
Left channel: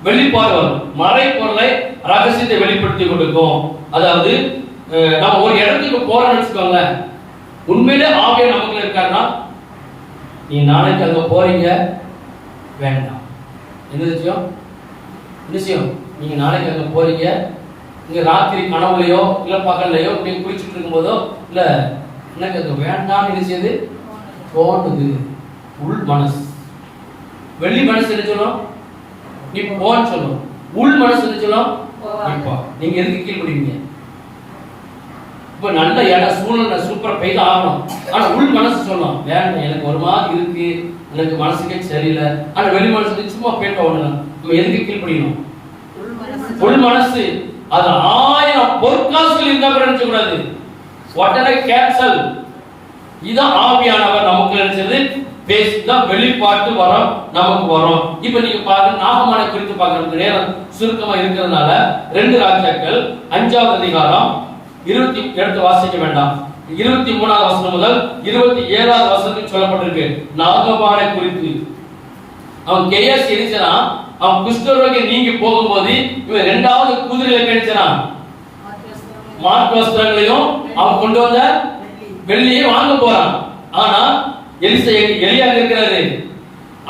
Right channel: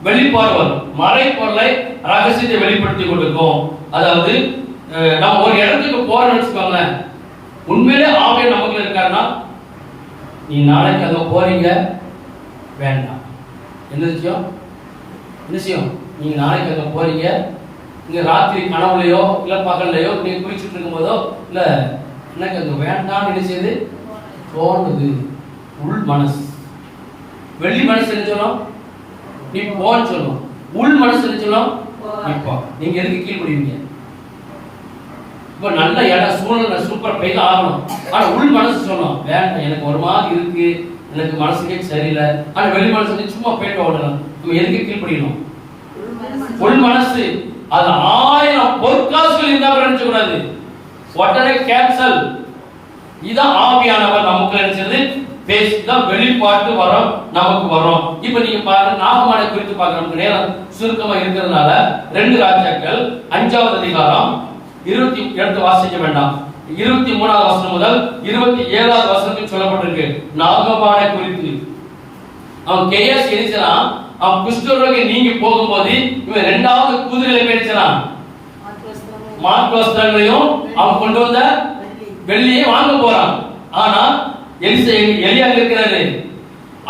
வெளிப்பாடு வரும். மறை பொருளை ரகசியத்தை வெளிப்படுத்தி கொடுக்கும். அதாவது நம்ம ஒரு இடத்துக்கு போறோம்னு வச்சுக்கோங்களேன், உண்மையிலே ஆவியானவர் நமக்குள்ள இருக்காருன்னா நீ நாளைக்கு அங்க போறீங்க வேண்டாம். என்ன விஷயம், என்ன விஷயம், நீங்க நாளைக்கு அங்க போறீங்க, இங்க ராத்திரி கனவுலையோ இல்ல பகல்லையோ நீ குளிச்சுட்டு இருக்கும் போதோ இல்ல எனக்கு அது வேண்டாம்னு நினைச்சது தோணுது. உள் மனசு, வெளி மனசு என்ன சொல்லும், நீ போன்னு சொல்லும். உள் மனசு என்ன சொல்லும், இப்போ நீங்க எதுக்கு கீழ்படுவீங்க. இப்ப நல்ல இடம் சூழ்நிலை சூப்பரா பெய்து ஆகணும். ஆனா உள் மனசு சொல்லும் வேண்டாம், எனக்கு ஒரு மாதிரி இருக்கு, எனக்கு மனசுக்கே சரியில்லை. ஆனா வெளி மனசு சும்மா போயிட்டு ஓடலாம். நம்ம எதுக்கு கீழ்படியணும்? உள் மனசு அது 1000 பொற்காசுகள் இருந்தா நினைச்ச கூடாது, உடனே கேன்சல். இதான் ஆவியானவர் நமக்கு நினைச்சது பேசிதான் வெளிப்பாட்டு வரும், நமக்கு வரும். இப்ப நீங்க பாருங்க, நாகமான குறித்து பார்க்க நமக்கு நேரம் சுருக்கமா இருக்கிறதுனால 2 ராஜாக்கள் 5ஆவது அதிகாரம் 27 வாசிக்க வேண்டாம். 23ஆவது வசனம் முதல் 27ஆவது வசனத்தில் சொல்லப்பட்டிருக்கு நாகமான குறித்து. அவன் கேஎஸ் எரிச்சான், அவன் குஷ்டரோகி நீங்கி போகும்போது இவன் 2வது குதிரையில பேசினான், மாட்டு வஸ்திரங்களையும் அவன் கொண்டு வந்த வெள்ளியை வாங்க போறான். ஆனா எலியா இருக்கிறாரு,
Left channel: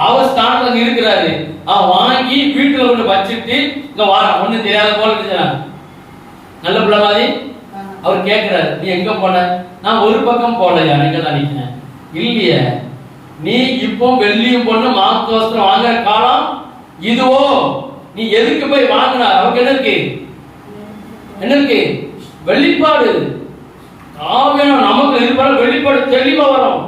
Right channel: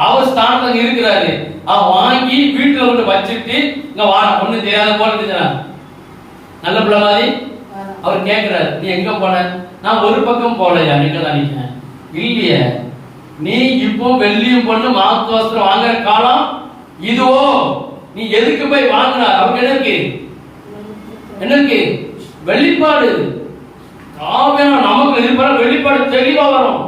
அவர் ஸ்தானத்துல இருக்கிறாரு. அவன் வாங்கி வீட்டுல கொண்டு வச்சுட்டு இங்க வாங்க ஒண்ணு தெரியாத போல இருந்துச்சான். நல்ல பிள்ளை மாதிரி அவர் கேட்கிறாரு, நீ எங்க போன, நான் ஒரு பக்கம் போலையா நீங்க நினைக்கிறேன் இல்லையே. நீ இப்போ வெள்ளியும் பொண்ணு மாத்து வஸ்திரம் வாங்குற காலம் இதுவோ. நீ எதுக்கு போய் வாங்கினா? அவருக்கு என்ன இருக்கு? என்ன இருக்கு? வெளிப்பாடு. ஆவியானவர் நமக்கு இருப்பாரு. வெளிப்பாடு தெளிவா வரும்.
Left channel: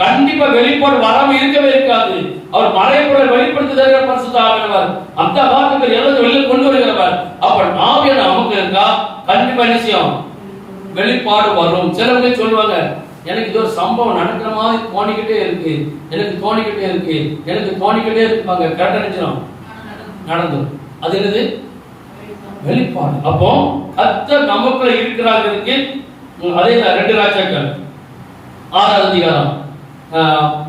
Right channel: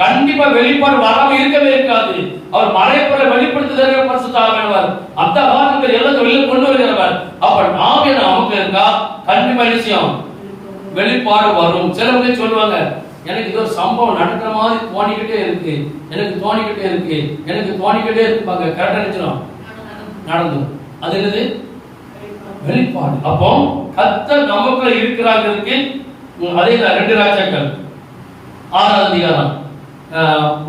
கண்டிப்பா வெளிப்பாடு வராம இருக்கவே இருக்காது. அவர் மறைப்பொருளை வெளிப்படுத்துகிற பரிசுத்த ஆவியானவர். அந்த வார்த்தைகள் எல்லாத்தையும் வெளியே கொண்டு வருகிறவர். அப்ப ஆவியானவர் நமக்கு இருக்கா, கண்டிப்பா என்ன செய்யும்? வெளிப்பாடு வரும். சில பேர் சொல்லுவாங்க, எனக்கு இது ஒரு சம்பவம் நடக்கிற மாதிரி தோணிக்கிட்டே இருக்கு, எனக்கு தோணிக்கிட்டே இருக்கு, எனக்கு தோணிக்கிட்டே இருப்பாங்க. கரெக்டா நினைச்சிடும் நடந்தும். அது என்னது? வெளிப்பாடு. அப்போ கர்த்தர் நமக்குள்ள இருக்கிறார்களுக்கு அதே 2 ராஜாக்கள் 6வது அதிகாரம்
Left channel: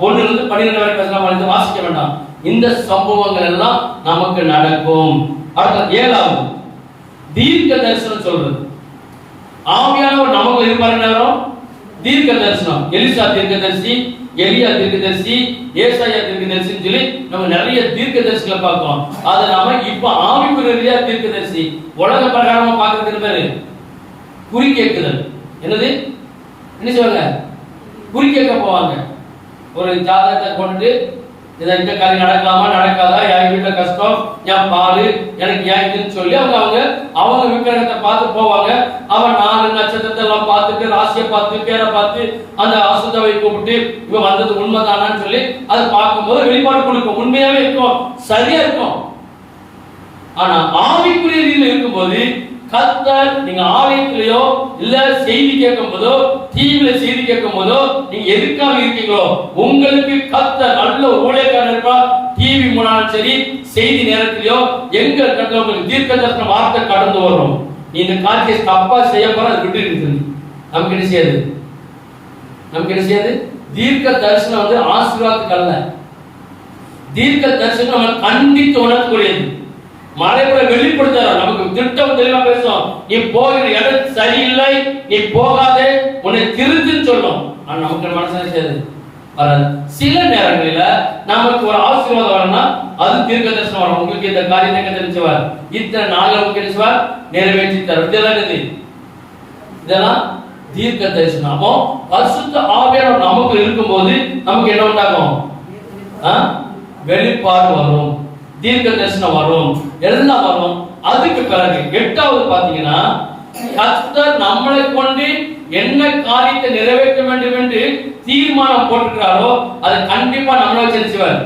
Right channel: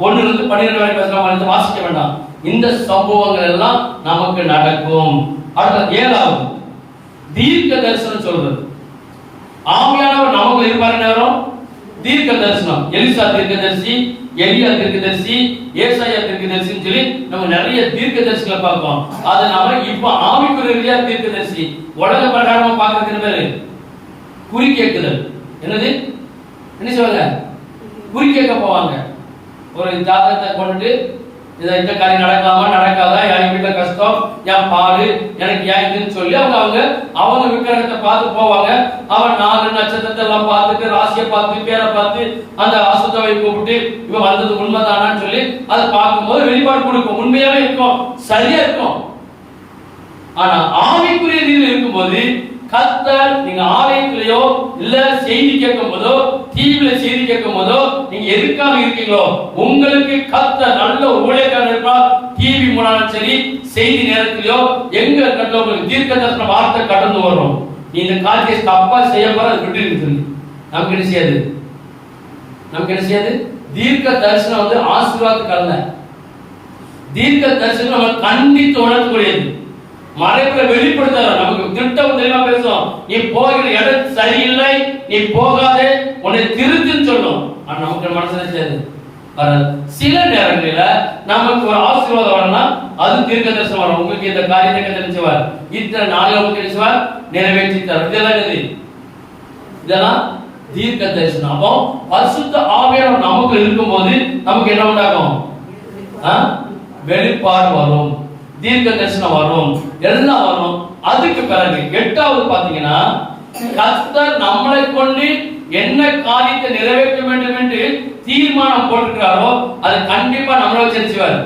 1 to 12 வரை பேசலாம். வாசிக்க வேண்டாம். இந்த சம்பவங்கள் எல்லாம் நமக்கு நடக்கும். அடுத்த 7வது தீர்க்க தரிசனம் சொல்றது. ஆவியானவர் நமக்கு இருப்பாரு. தீர்க்க தரிசனம். எலிசா தீர்க்கதரிசி, எலியா தீர்க்கதரிசி, ஏசாயா தீர்க்கதரிசின்னு சொல்லி நம்ம நிறைய தீர்க்கதரிசிகளை பார்ப்போம். அதை நம்ம இப்ப ஆவிக்குரிய தீர்க்கதரிசி உலக பிரகாரமா பார்க்கறது பேரு குறி கேட்குதல். என்னது? என்ன சொல்லுங்க? குறி கேட்க போவாங்க. ஒரு ஜாதகத்தை கொண்டுட்டு இந்த காரியம் நடக்கலாமா நடக்காதா, என் வீட்டுல கஷ்டம், என் பாலு எனக்கு ஏன் இதுன்னு சொல்லி அவங்க விக்கிரகத்தை பார்த்து போவாங்க. அவன் 4 நட்சத்திரத்தை எல்லாம் பார்த்துட்டு, ராசியை பார்த்து, பேரை பார்த்து, அந்த அசுத்தவை கூப்பிட்டு இவன் வந்தது உண்மைதானான்னு சொல்லி அதை பார்க்கும்போது வெளிப்பாடு கொடுக்கும். உண்மையாவே இருக்கும், சரியா இருக்கும். ஆனா ஆவிக்குரிய ரீதியில் இருக்கும்போது கர்த்தர், நீங்க ஆலயத்திலேயோ இல்ல செய்தி கேட்கும் போதோ, டிவில செய்தி கேட்கும் போதோ, நீங்க எதுக்காக இருக்கீங்களோ, உங்களுக்கு கர்த்தர் நல்ல ஊழியக்காரர் இருப்பார். டிவி மூலம் சரி, செய்தி நேரத்திலயோ எங்க கர்த்தர் உங்களுக்கு தீர்க்க தரிசன வார்த்தை கடந்து வரும். நீ இந்த காரியத்தை தப்பா செய்ய போற அதை விட்டு இருக்குது. நமக்கு என்ன செய்யாது? நமக்கு என்ன செய்யாது? தீர்க்க தரிசனம் ஆசீர்வாதத்துக்கு அல்ல. தீர்க்க தரிசனம் நம்ம கண்டித்து உணர்த்தக்கூடியது. மறைமுறை வெளிப்படுத்த நமக்கு திட்டம் தெளிவா பேசுவோம். நீ போகிற இடம் சரியில்லை, நீ போகாதே, உன்னை திருத்துன்னு சொல்லும். ஆனா நமக்கு மனசுல செய்யாது வராது. சில நேரங்களில நமக்கு ஒரு ஆசீர்வாதம் வரணும்னா அது தீர்க்க தரிசனம் வரும். உங்களுக்கு இந்த காரியத்தை தெரிஞ்சவர் இத்தனை நாள் உங்களுக்கு தெரிஞ்சவர் நிறைவேற்றி தரும். இதெல்லாம் தீர்க்க தரிசனம். அப்போ பரிசுத்த ஆவியானவர் நமக்கு இருக்கும்போது நமக்கு என்ன உண்டாகும்? வெளிப்பாடு வரும், தீர்க்க தரிசனம் வரும், எல்லாம் வரும். அதுக்கு பிறகு 8வது பாத்தீங்கன்னா, கர்த்தர் நம்மளை கொண்டு என்ன காரியத்தை நிறைவேற்ற வேண்டும் என்று தீர்மானம் போட்டிருக்கிறாரோ அதை கண்டிப்பா நம்மள வச்சிருச்சுவார்,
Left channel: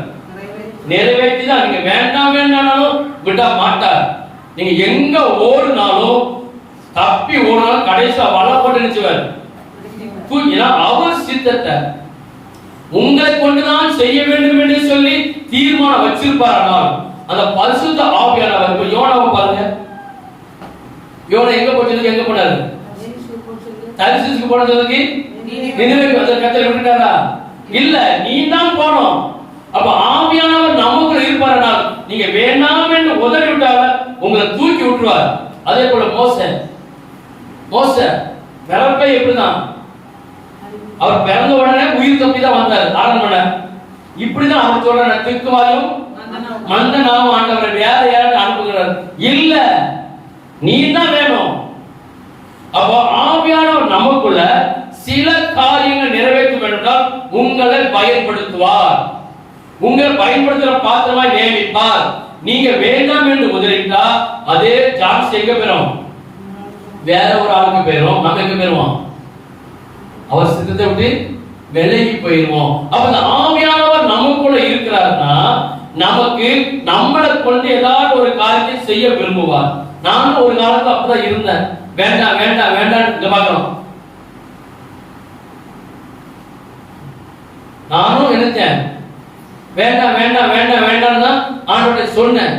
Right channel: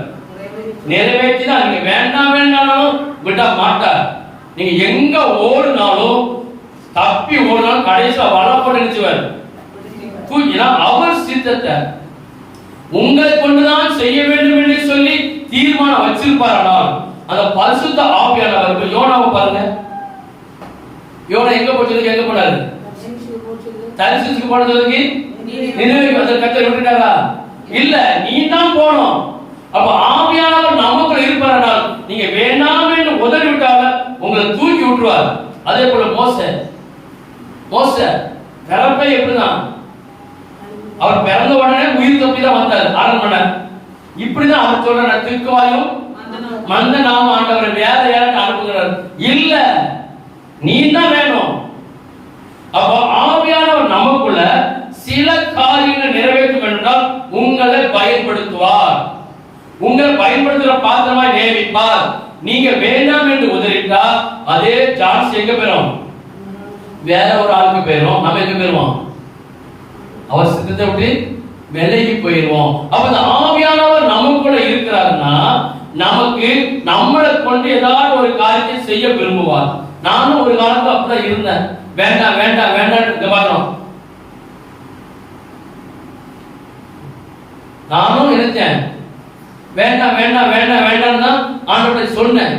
நிறைவேற்றி தான். நீங்க வேண்டாம் வேண்டாம் விட மாட்டார். நீங்க எங்க ஓடுனாலும், தப்பி ஓடினாலும் கடைசியா வலை போட்டு நினைச்சுவார். தூக்கினா அவர் சித்தத்தை உங்களை கொண்டுதான் செய்ய வேண்டும் என்று சொல்லி தீர்மானம் வச்சிருப்பார். அந்த பரிசுத்த ஆவியானவர் யோனாவை பாருங்க. யோனா எங்க போச்சதுக்கு எங்க போனாரு? தரிசிச்சுக்கு போனதுக்கு நினைவுக்கு கர்த்தர் விட்டுட்டாரா? இல்ல, நீ தான் போனோம். அப்ப ஆவியானவர் நமக்குள்ள இருப்பார். நீங்க வேண்டாம் என்று உதறி விட்டால உங்களை தூக்கி விட்டுருவார். அதே போல மோசே பிறப்பை எப்படிதான்? அவர் பிறந்த உடனே உயிர் தப்பி தான் வந்தார் அரண்மனை. இப்படிதான் அவர் சொல்ற திக்குவாயும் மந்த நாம ஆண்டவரை வேற யாரும் அனுப்புகிறார். இல்ல, நீ தான் வேணும். அப்போ ஆவியானவர் நமக்குள்ள சில காரியங்கள் நிறைவேற்றும் என்றால் உங்களை பயன்படுத்துவார். உங்களை பயன்படுத்துகிற பாத்திரமா நியமிப்பார். நீங்க வேண்டாம் என்று உதறிட்டா அதே சான்ஸ் எங்க பெறும்? வேற ஒரு ஆளுக்கு போயிடும். நம்ம எங்க போயிருவோம்? அவர் சித்தத்தை விட்டு விலகி போயிடுவோம். அப்ப இந்த ஆவியானவர் நமக்குள்ள இருக்கிறார்னா நமக்கு நம்மளை கொண்டு ஏதாவது ஒரு காரியத்தை செய்ய விரும்புவார். நானும் ஒரு காலத்துல அப்படிதான் இருந்தேன். வேண்டாம் வேண்டாம் வேண்டாம் இங்க பார்க்கணும். நானும் நினைச்சேன் வேண்டாம் வேண்டாம் வேண்டாம் வேண்டாம் தான் ஆண்டவரை சொன்னேன்.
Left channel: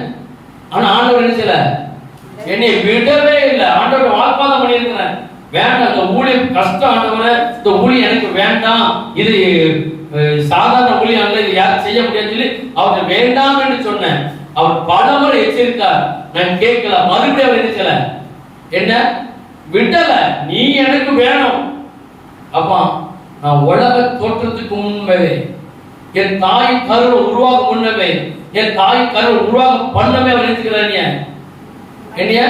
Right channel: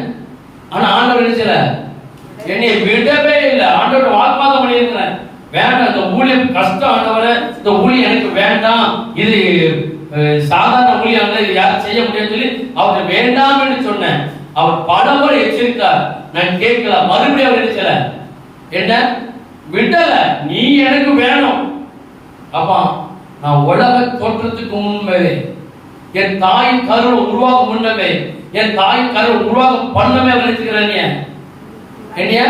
ஆனா ஆண்டவர் நினைச்சல, என்னை விடவே இல்லை. ஆண்டவரை வாக்குவாதம் பண்ணி இருக்கிறேன். வேண்டாம், இந்த ஊழியம் கஷ்டம் ஆண்டவரை, இந்த ஊழியம் எனக்கு வேண்டாம், இது சாதாரண ஊழியம் அல்ல, இது யாரும் செய்ய முடியாது சொல்லி அவரை வேண்டாம் என்று சொன்னேன். அவர் பலமுறை எச்சரித்தார், நான் கேட்கல. மறுபடியும் அவர் நினைச்சல, என்ன விடல, நீ எனக்கு வேணும். அப்பா, நான் உலக தோற்றத்துக்கு முன்பே, என் தாய் கரு உருவாக முன்னவே, என் தாய் கரு உருவாக பண்ணவே அவர் நினைச்சுக்கிறாங்க. என்னைய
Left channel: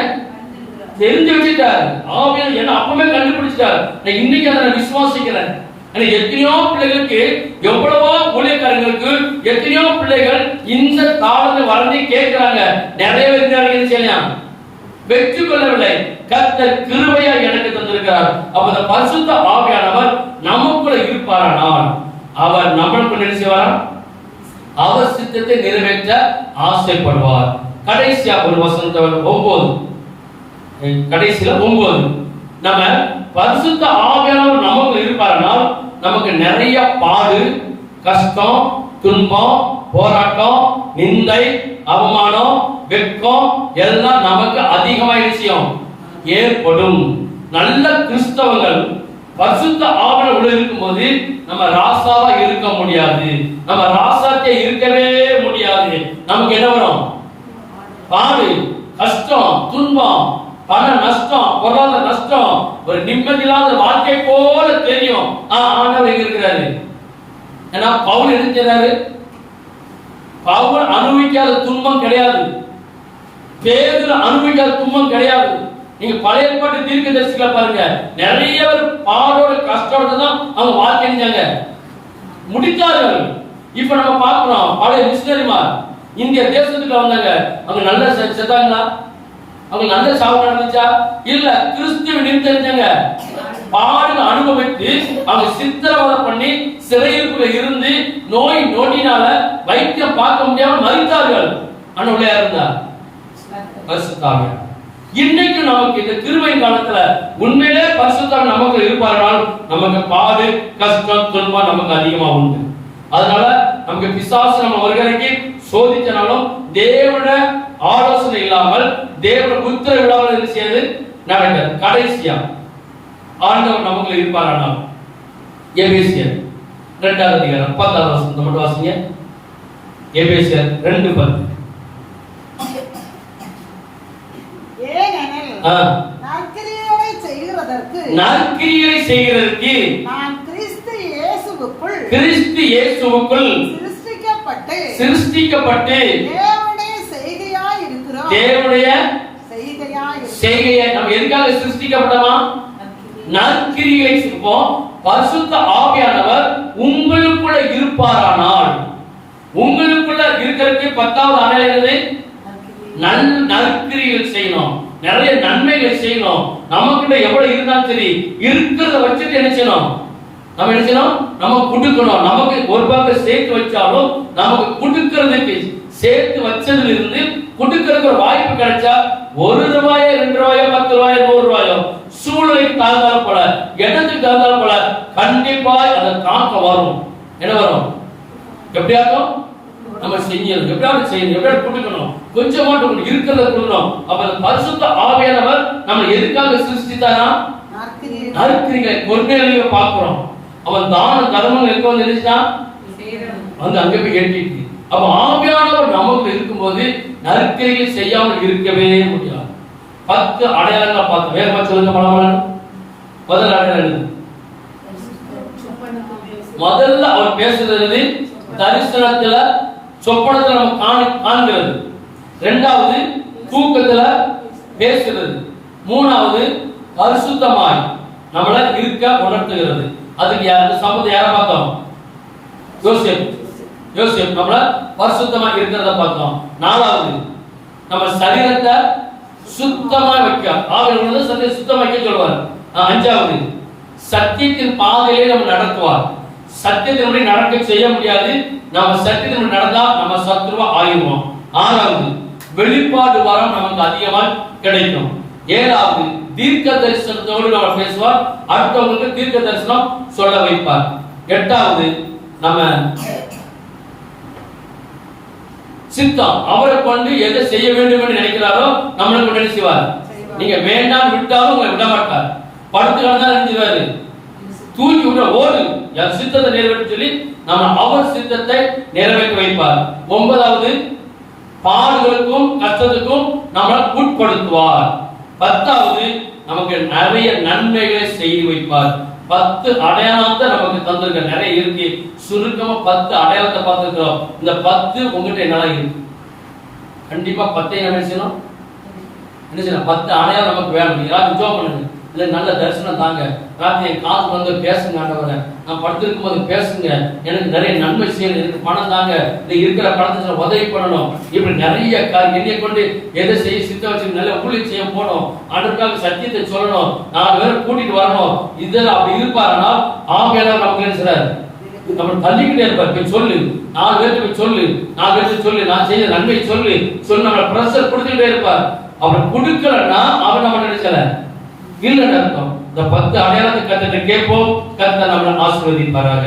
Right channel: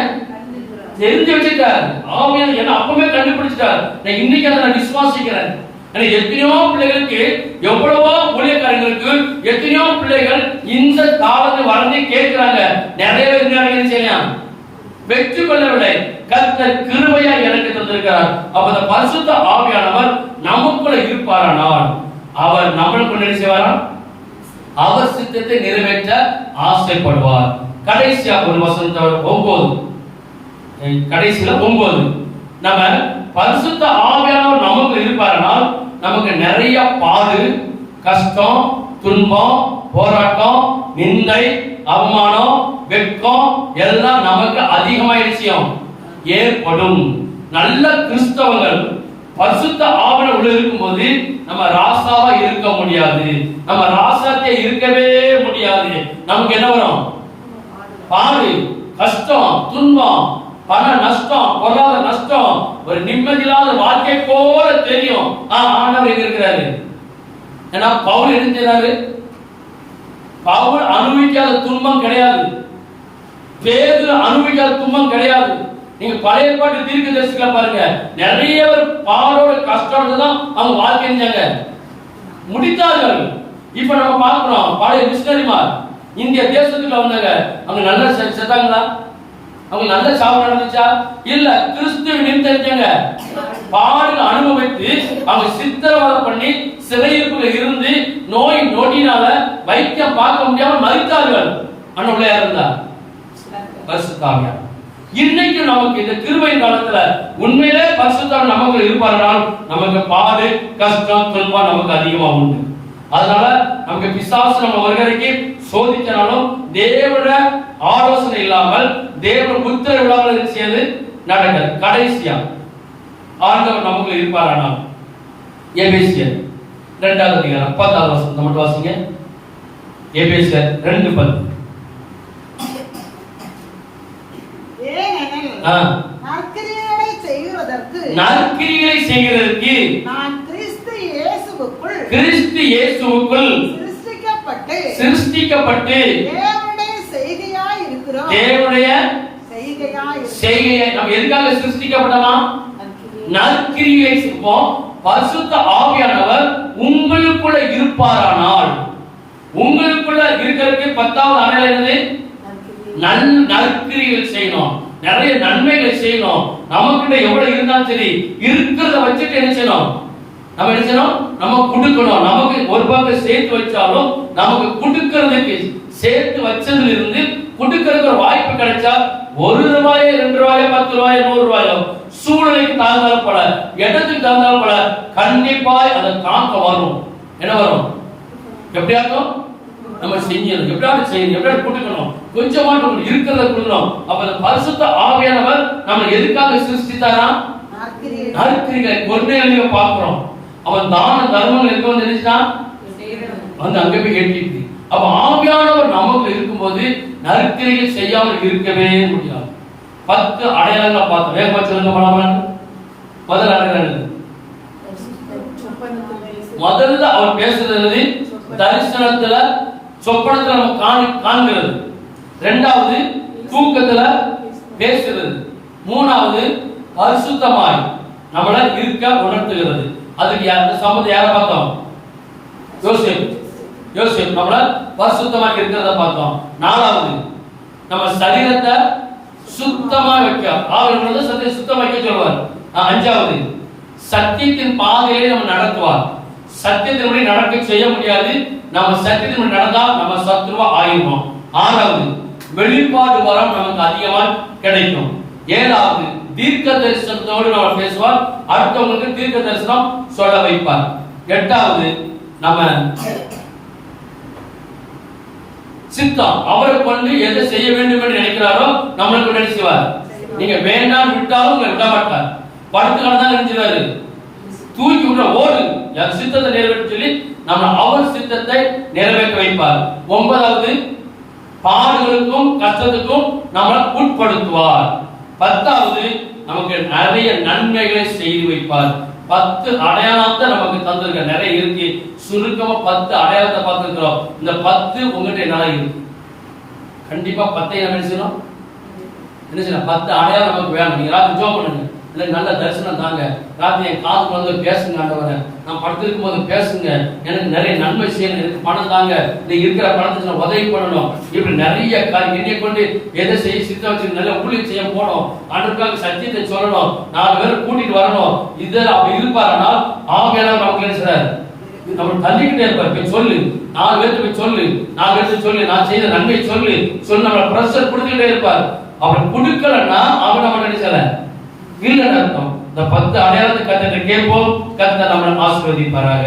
தெரிஞ்சு வச்சுட்டார். ஆவியானவர் என்ன அப்பவே கண்டுபிடிச்சிட்டார். நான் இன்னைக்கு அதை நான் விசுவாசிக்கிறேன். எத்தனையோ பிள்ளைகளுக்கு, எவ்வளவோ ஊழியக்காரங்களுக்கு எத்தனையோ பிள்ளைகள் இந்த காலத்தை வளர்ந்து கேட்கிறாங்க. நிறைய பேர் செய்யலாம், வெற்றி கொள்ளவில்லை. கர்த்தர் கிருபையா எனக்கு தந்திருக்கிறார். அப்ப அந்த பரிசுத்த ஆவியானவர் நமக்குள்ள இருப்பாரானால் அவர் நம்மளுக்கு என்ன செய்வாரா? அவர் சித்தத்தை நிறைவேற்ற ஆசைப்படுவார். கடைசியா ஒரு வசனத்தை 9, கடைசியில 9, நம்ம பரிசுத்த ஆவியானவர் நமக்கு இருப்பாரானால் நமக்கு நிறைய பாடு, கஷ்டம், துன்பம், போராட்டம், நிந்தை, அவமானம், வெட்கம் எல்லாம் நமக்கு அதிகமாயிடுச்சு ஏற்படும். நல்ல கிறிஸ்தவங்கள் பரிசுத்த ஆவியானவர் உள்ள இருக்கும்போது நம்ம ராசாவா இருக்க முடியாது. நம்ம ராசாத்தே இருக்கவே முடியாது. நமக்கு என்ன வரும்? பாடு, கஷ்டம், துன்பம், பண நஷ்டம், பொருளாதார நஷ்டம், ஒரு நிம்மதியில்லாத வாழ்க்கை போல தெரியும். ஆண்டவர் எங்க இருக்கிறாரு? ஏன்னா பவுல் என்ன செய்றாரு? பவுல் அனுபவிக்காத துன்பம் கிடையாது. பேதுரு அனுபவிக்காத துன்பம் கிடையாது. நீங்க பழைய ஏற்பாட்டு தீர்க்கதரிசிகளை பாருங்க, நிறைய பேர் பாடோட கஷ்டோட தான் அவங்க வாழ்க்கை செஞ்சாங்க, முடித்தார்கள். இப்ப நம்ம பாக்குறோம் பழைய மிஷனரிமார் இந்திய தேசத்துக்குள்ள வந்தாங்க, அவங்க நல்ல செத்தாங்களா? அவங்க நல்ல சாவு நடந்துச்சா? இல்ல. கிறிஸ்துவ நிமித்தம் பாடு அனுபவித்து அவங்க சித்திரவதை பண்ணி சிறையிருப்புல இருந்து நோய் நொடினால வைத்தியம் பார்க்க முடியாம மரித்தார்கள். அன்னுள்ள இருந்தா பரிசுத்தாவியானவர். இன்னைக்கு நமக்கு இந்த கிருபையின் காலத்துல உண்மையிலே பரிசுத்தாவியானவர் நமக்கு இருப்பார்கள். நமக்கு பாடு, கஷ்டம், துன்பம் நமக்கு அதிகமா உண்டு. அதனால நமக்கு பிசாசு நம்ம வருகைக்கு சோதிச்சனாலும் தேவன ஆலோசனை இல்லாமல், தேவன உத்தரவு இல்லாமல் செய்து நடக்கிறது. கடைசியா ஆண்டவர் நமக்கு இருப்பாரானால் எபேசியர் 2வது அதிகாரம் 10வது வசனம் மட்டும் வாசிங்க. எபேசியர் 2:10. நற்கிரியைகளை செய்கிறதற்கு நான் கிறிஸ்து இயேசுவுக்குள் சிருஷ்டிக்கப்பட்டு தேவனுடைய செய்கையை நம்ம எதுக்காக சிருஷ்டிக்கப்பட்டோமா? நற்கிரியைகளை செய்வோம். பரிசுத்த ஆவியானவர் உங்களுக்குள்ள இருப்பாரானால், உங்களுக்குள்ள இருக்கிறதுக்கு 10வது அடையாளம் என்னது? நற்கிரியைகள் செய்யணும், நிறைய நன்மைகள் செய்யணும். நமக்கிட்ட எவ்வளவு இருந்தாலும் சரி, இருக்கிறத வச்சுட்டு என்ன செய்யணும்? நம்ம என்ன செய்யணும்? நம்ம கொடுக்கணும். நமக்கு ஒரு பக்கம் சேர்த்து வச்சாலும் நமக்கு கொடுக்கிறதுக்கு சேர்த்து வச்சதுல இருந்து கொடுக்கிறதுக்கு ஒரு வாய்ப்பு கிடைச்சா, 1 ரூபாயோ 2 ரூபாயோ 10 ரூபாயோ 100 ரூபாயோ சூழ்நிலைக்கு தாழ்ந்தாலும் போல, இடத்துக்கு தாழ்ந்தாலும் போல, கண்டிப்பா அதை காக்க வரும். என்ன வரும்? எப்படியாக்கும் நம்ம செய்யணும், எப்படியாவது செய்யணும், எப்படியாவது கொடுக்கணும், கொஞ்சமாட்டு இருக்கிறத கொடுக்கணும். அப்ப பரிசுத்த ஆவியானவர் நம்ம எதுக்காக சிருஷ்டித்தாரா? நற்கிரிகளை கொள்கைகளை பார்க்கிறோம். அவன் தான தர்மம் எங்க வந்து நினைச்சான்? வந்து அங்க போய் கேட்டிருக்கு. அப்ப ஆவியானவர் நமக்கு இருக்கும்போது நற்கிரிகள் செய்யாமல் இருக்கவே முடியாது. 10 அடையாளங்களை பார்த்தோம். வேற சொல்லுங்க பலபலன். முதல் அடையாளம் முதல்ல அவர் பேசுறது தரிசனத்துல, சொப்பனத்துல நம்ம காண்கிறது. 2வது தூக்கத்துல பேசுறது. 3வது பரிசுத்தமாய் நம்மள இருக்க உணர்த்துகிறது. அதுக்கு யார் சமத்தை யாரை பார்த்தோம்? யோசேப் நம்மள பரிசுத்தமா இருக்கிறத பார்த்தோம். 4வது நம்ம சரீரத்தை சுத்தமா வைக்க, ஆவியானவர் சரீரத்தை சுத்தமா வைக்க சொல்வார். 5வது சத்தியத்தின் பாதையிலே நம்ம நடத்துவார். சத்தியத்தின்படி நடக்க செய்ய முடியாது. நம்ம சத்தியத்தின்படி நடந்தா நம்ம சத்துருவா ஆயிடுவோம். 6வது வெளிப்பாடு வரம் நமக்கு அதிகமா கிடைக்கும். 7வது தீர்க்க தரிசனத்தோடு நம்ம பேசுவார், அடுத்தவங்களுக்கு தீர்க்க தரிசனம் சொல்ல வைப்பார். 8வது நம்ம சித்தம், அவரை கொண்டு எதை செய்ய வேண்டும் என்று நினைக்கிறாரோ நம்மளுக்கு உடனே செய்வார். நீங்க வேண்டாம் விட்டாலும் உங்களை விட மாட்டார். படுத்து கடந்தா நினைச்சாரு, தூக்கி விட ஓடு, என் சித்தத்தை நிறைவேற்ற சொல்லி நம்ம அவர் சித்தத்தை நிறைவேற்ற வைப்பார். 9வது பாடுகளுக்கும் கஷ்டத்துக்கும் நம்மளை உட்படுத்துவார். 10வது நமக்கு நிறைய நன்மைகளை செய்து வைப்பார். 10 அடையாளத்தை நமக்கு தந்திருக்க நிறைய இருக்கு. சுருக்கமா 10 அடையாளத்தை பார்த்திருக்கிறோம். இந்த 10 உங்ககிட்ட என்னால இருக்கு. கண்டிப்பா 10 என்ன செய்யணும்? என்ன செய்யலாம், 10 அடையாளம் நமக்கு வேணும். நீங்க ராத்திரி ஜெபம் பண்ணுங்க, இல்லை நல்ல தரிசனம் தாங்க, ராத்திரி என் காதுக்கு வந்து பேசுங்க ஆண்டவரே, நான் படுத்திருக்கும் போது பேசுங்க, எனக்கு நிறைய நன்மை செய்யணும், எனக்கு பணம் தாங்க, நீ இருக்கிற பணத்தை உதவி பண்ணணும், இப்படி நிறைய என்னைய கொண்டு எதை செய்ய சித்த வச்சு நல்ல ஊழியம் செய்ய போகணும், ஆண்டவருக்காக சத்தியத்தை சொல்லணும், 4 பேரை கூட்டிட்டு வரணும். இதில் அப்படி இருப்பாருன்னா ஆவியானவர் நமக்கு என்ன செய்றாரு, நம்ம தள்ளிக்கிட்டே இருப்பார். போய் சொல்லு, 4 பேருக்கு போய் சொல்லு, 4 பேருக்கு சொல்லு, நான் செய்த நன்மை சொல்லு நம்ம பிரஷர் கொடுத்துக்கிட்டே இருப்பார். அவர் கொடுக்கலன்னா அவர் நம்ம நினைச்சல இல்லைன்னு அர்த்தம். இந்த 10 அடையாளத்தை கத்துட்டு கேட்போம். கர்த்தர் நம்மளை ஆசீர்வதிப்பாராக.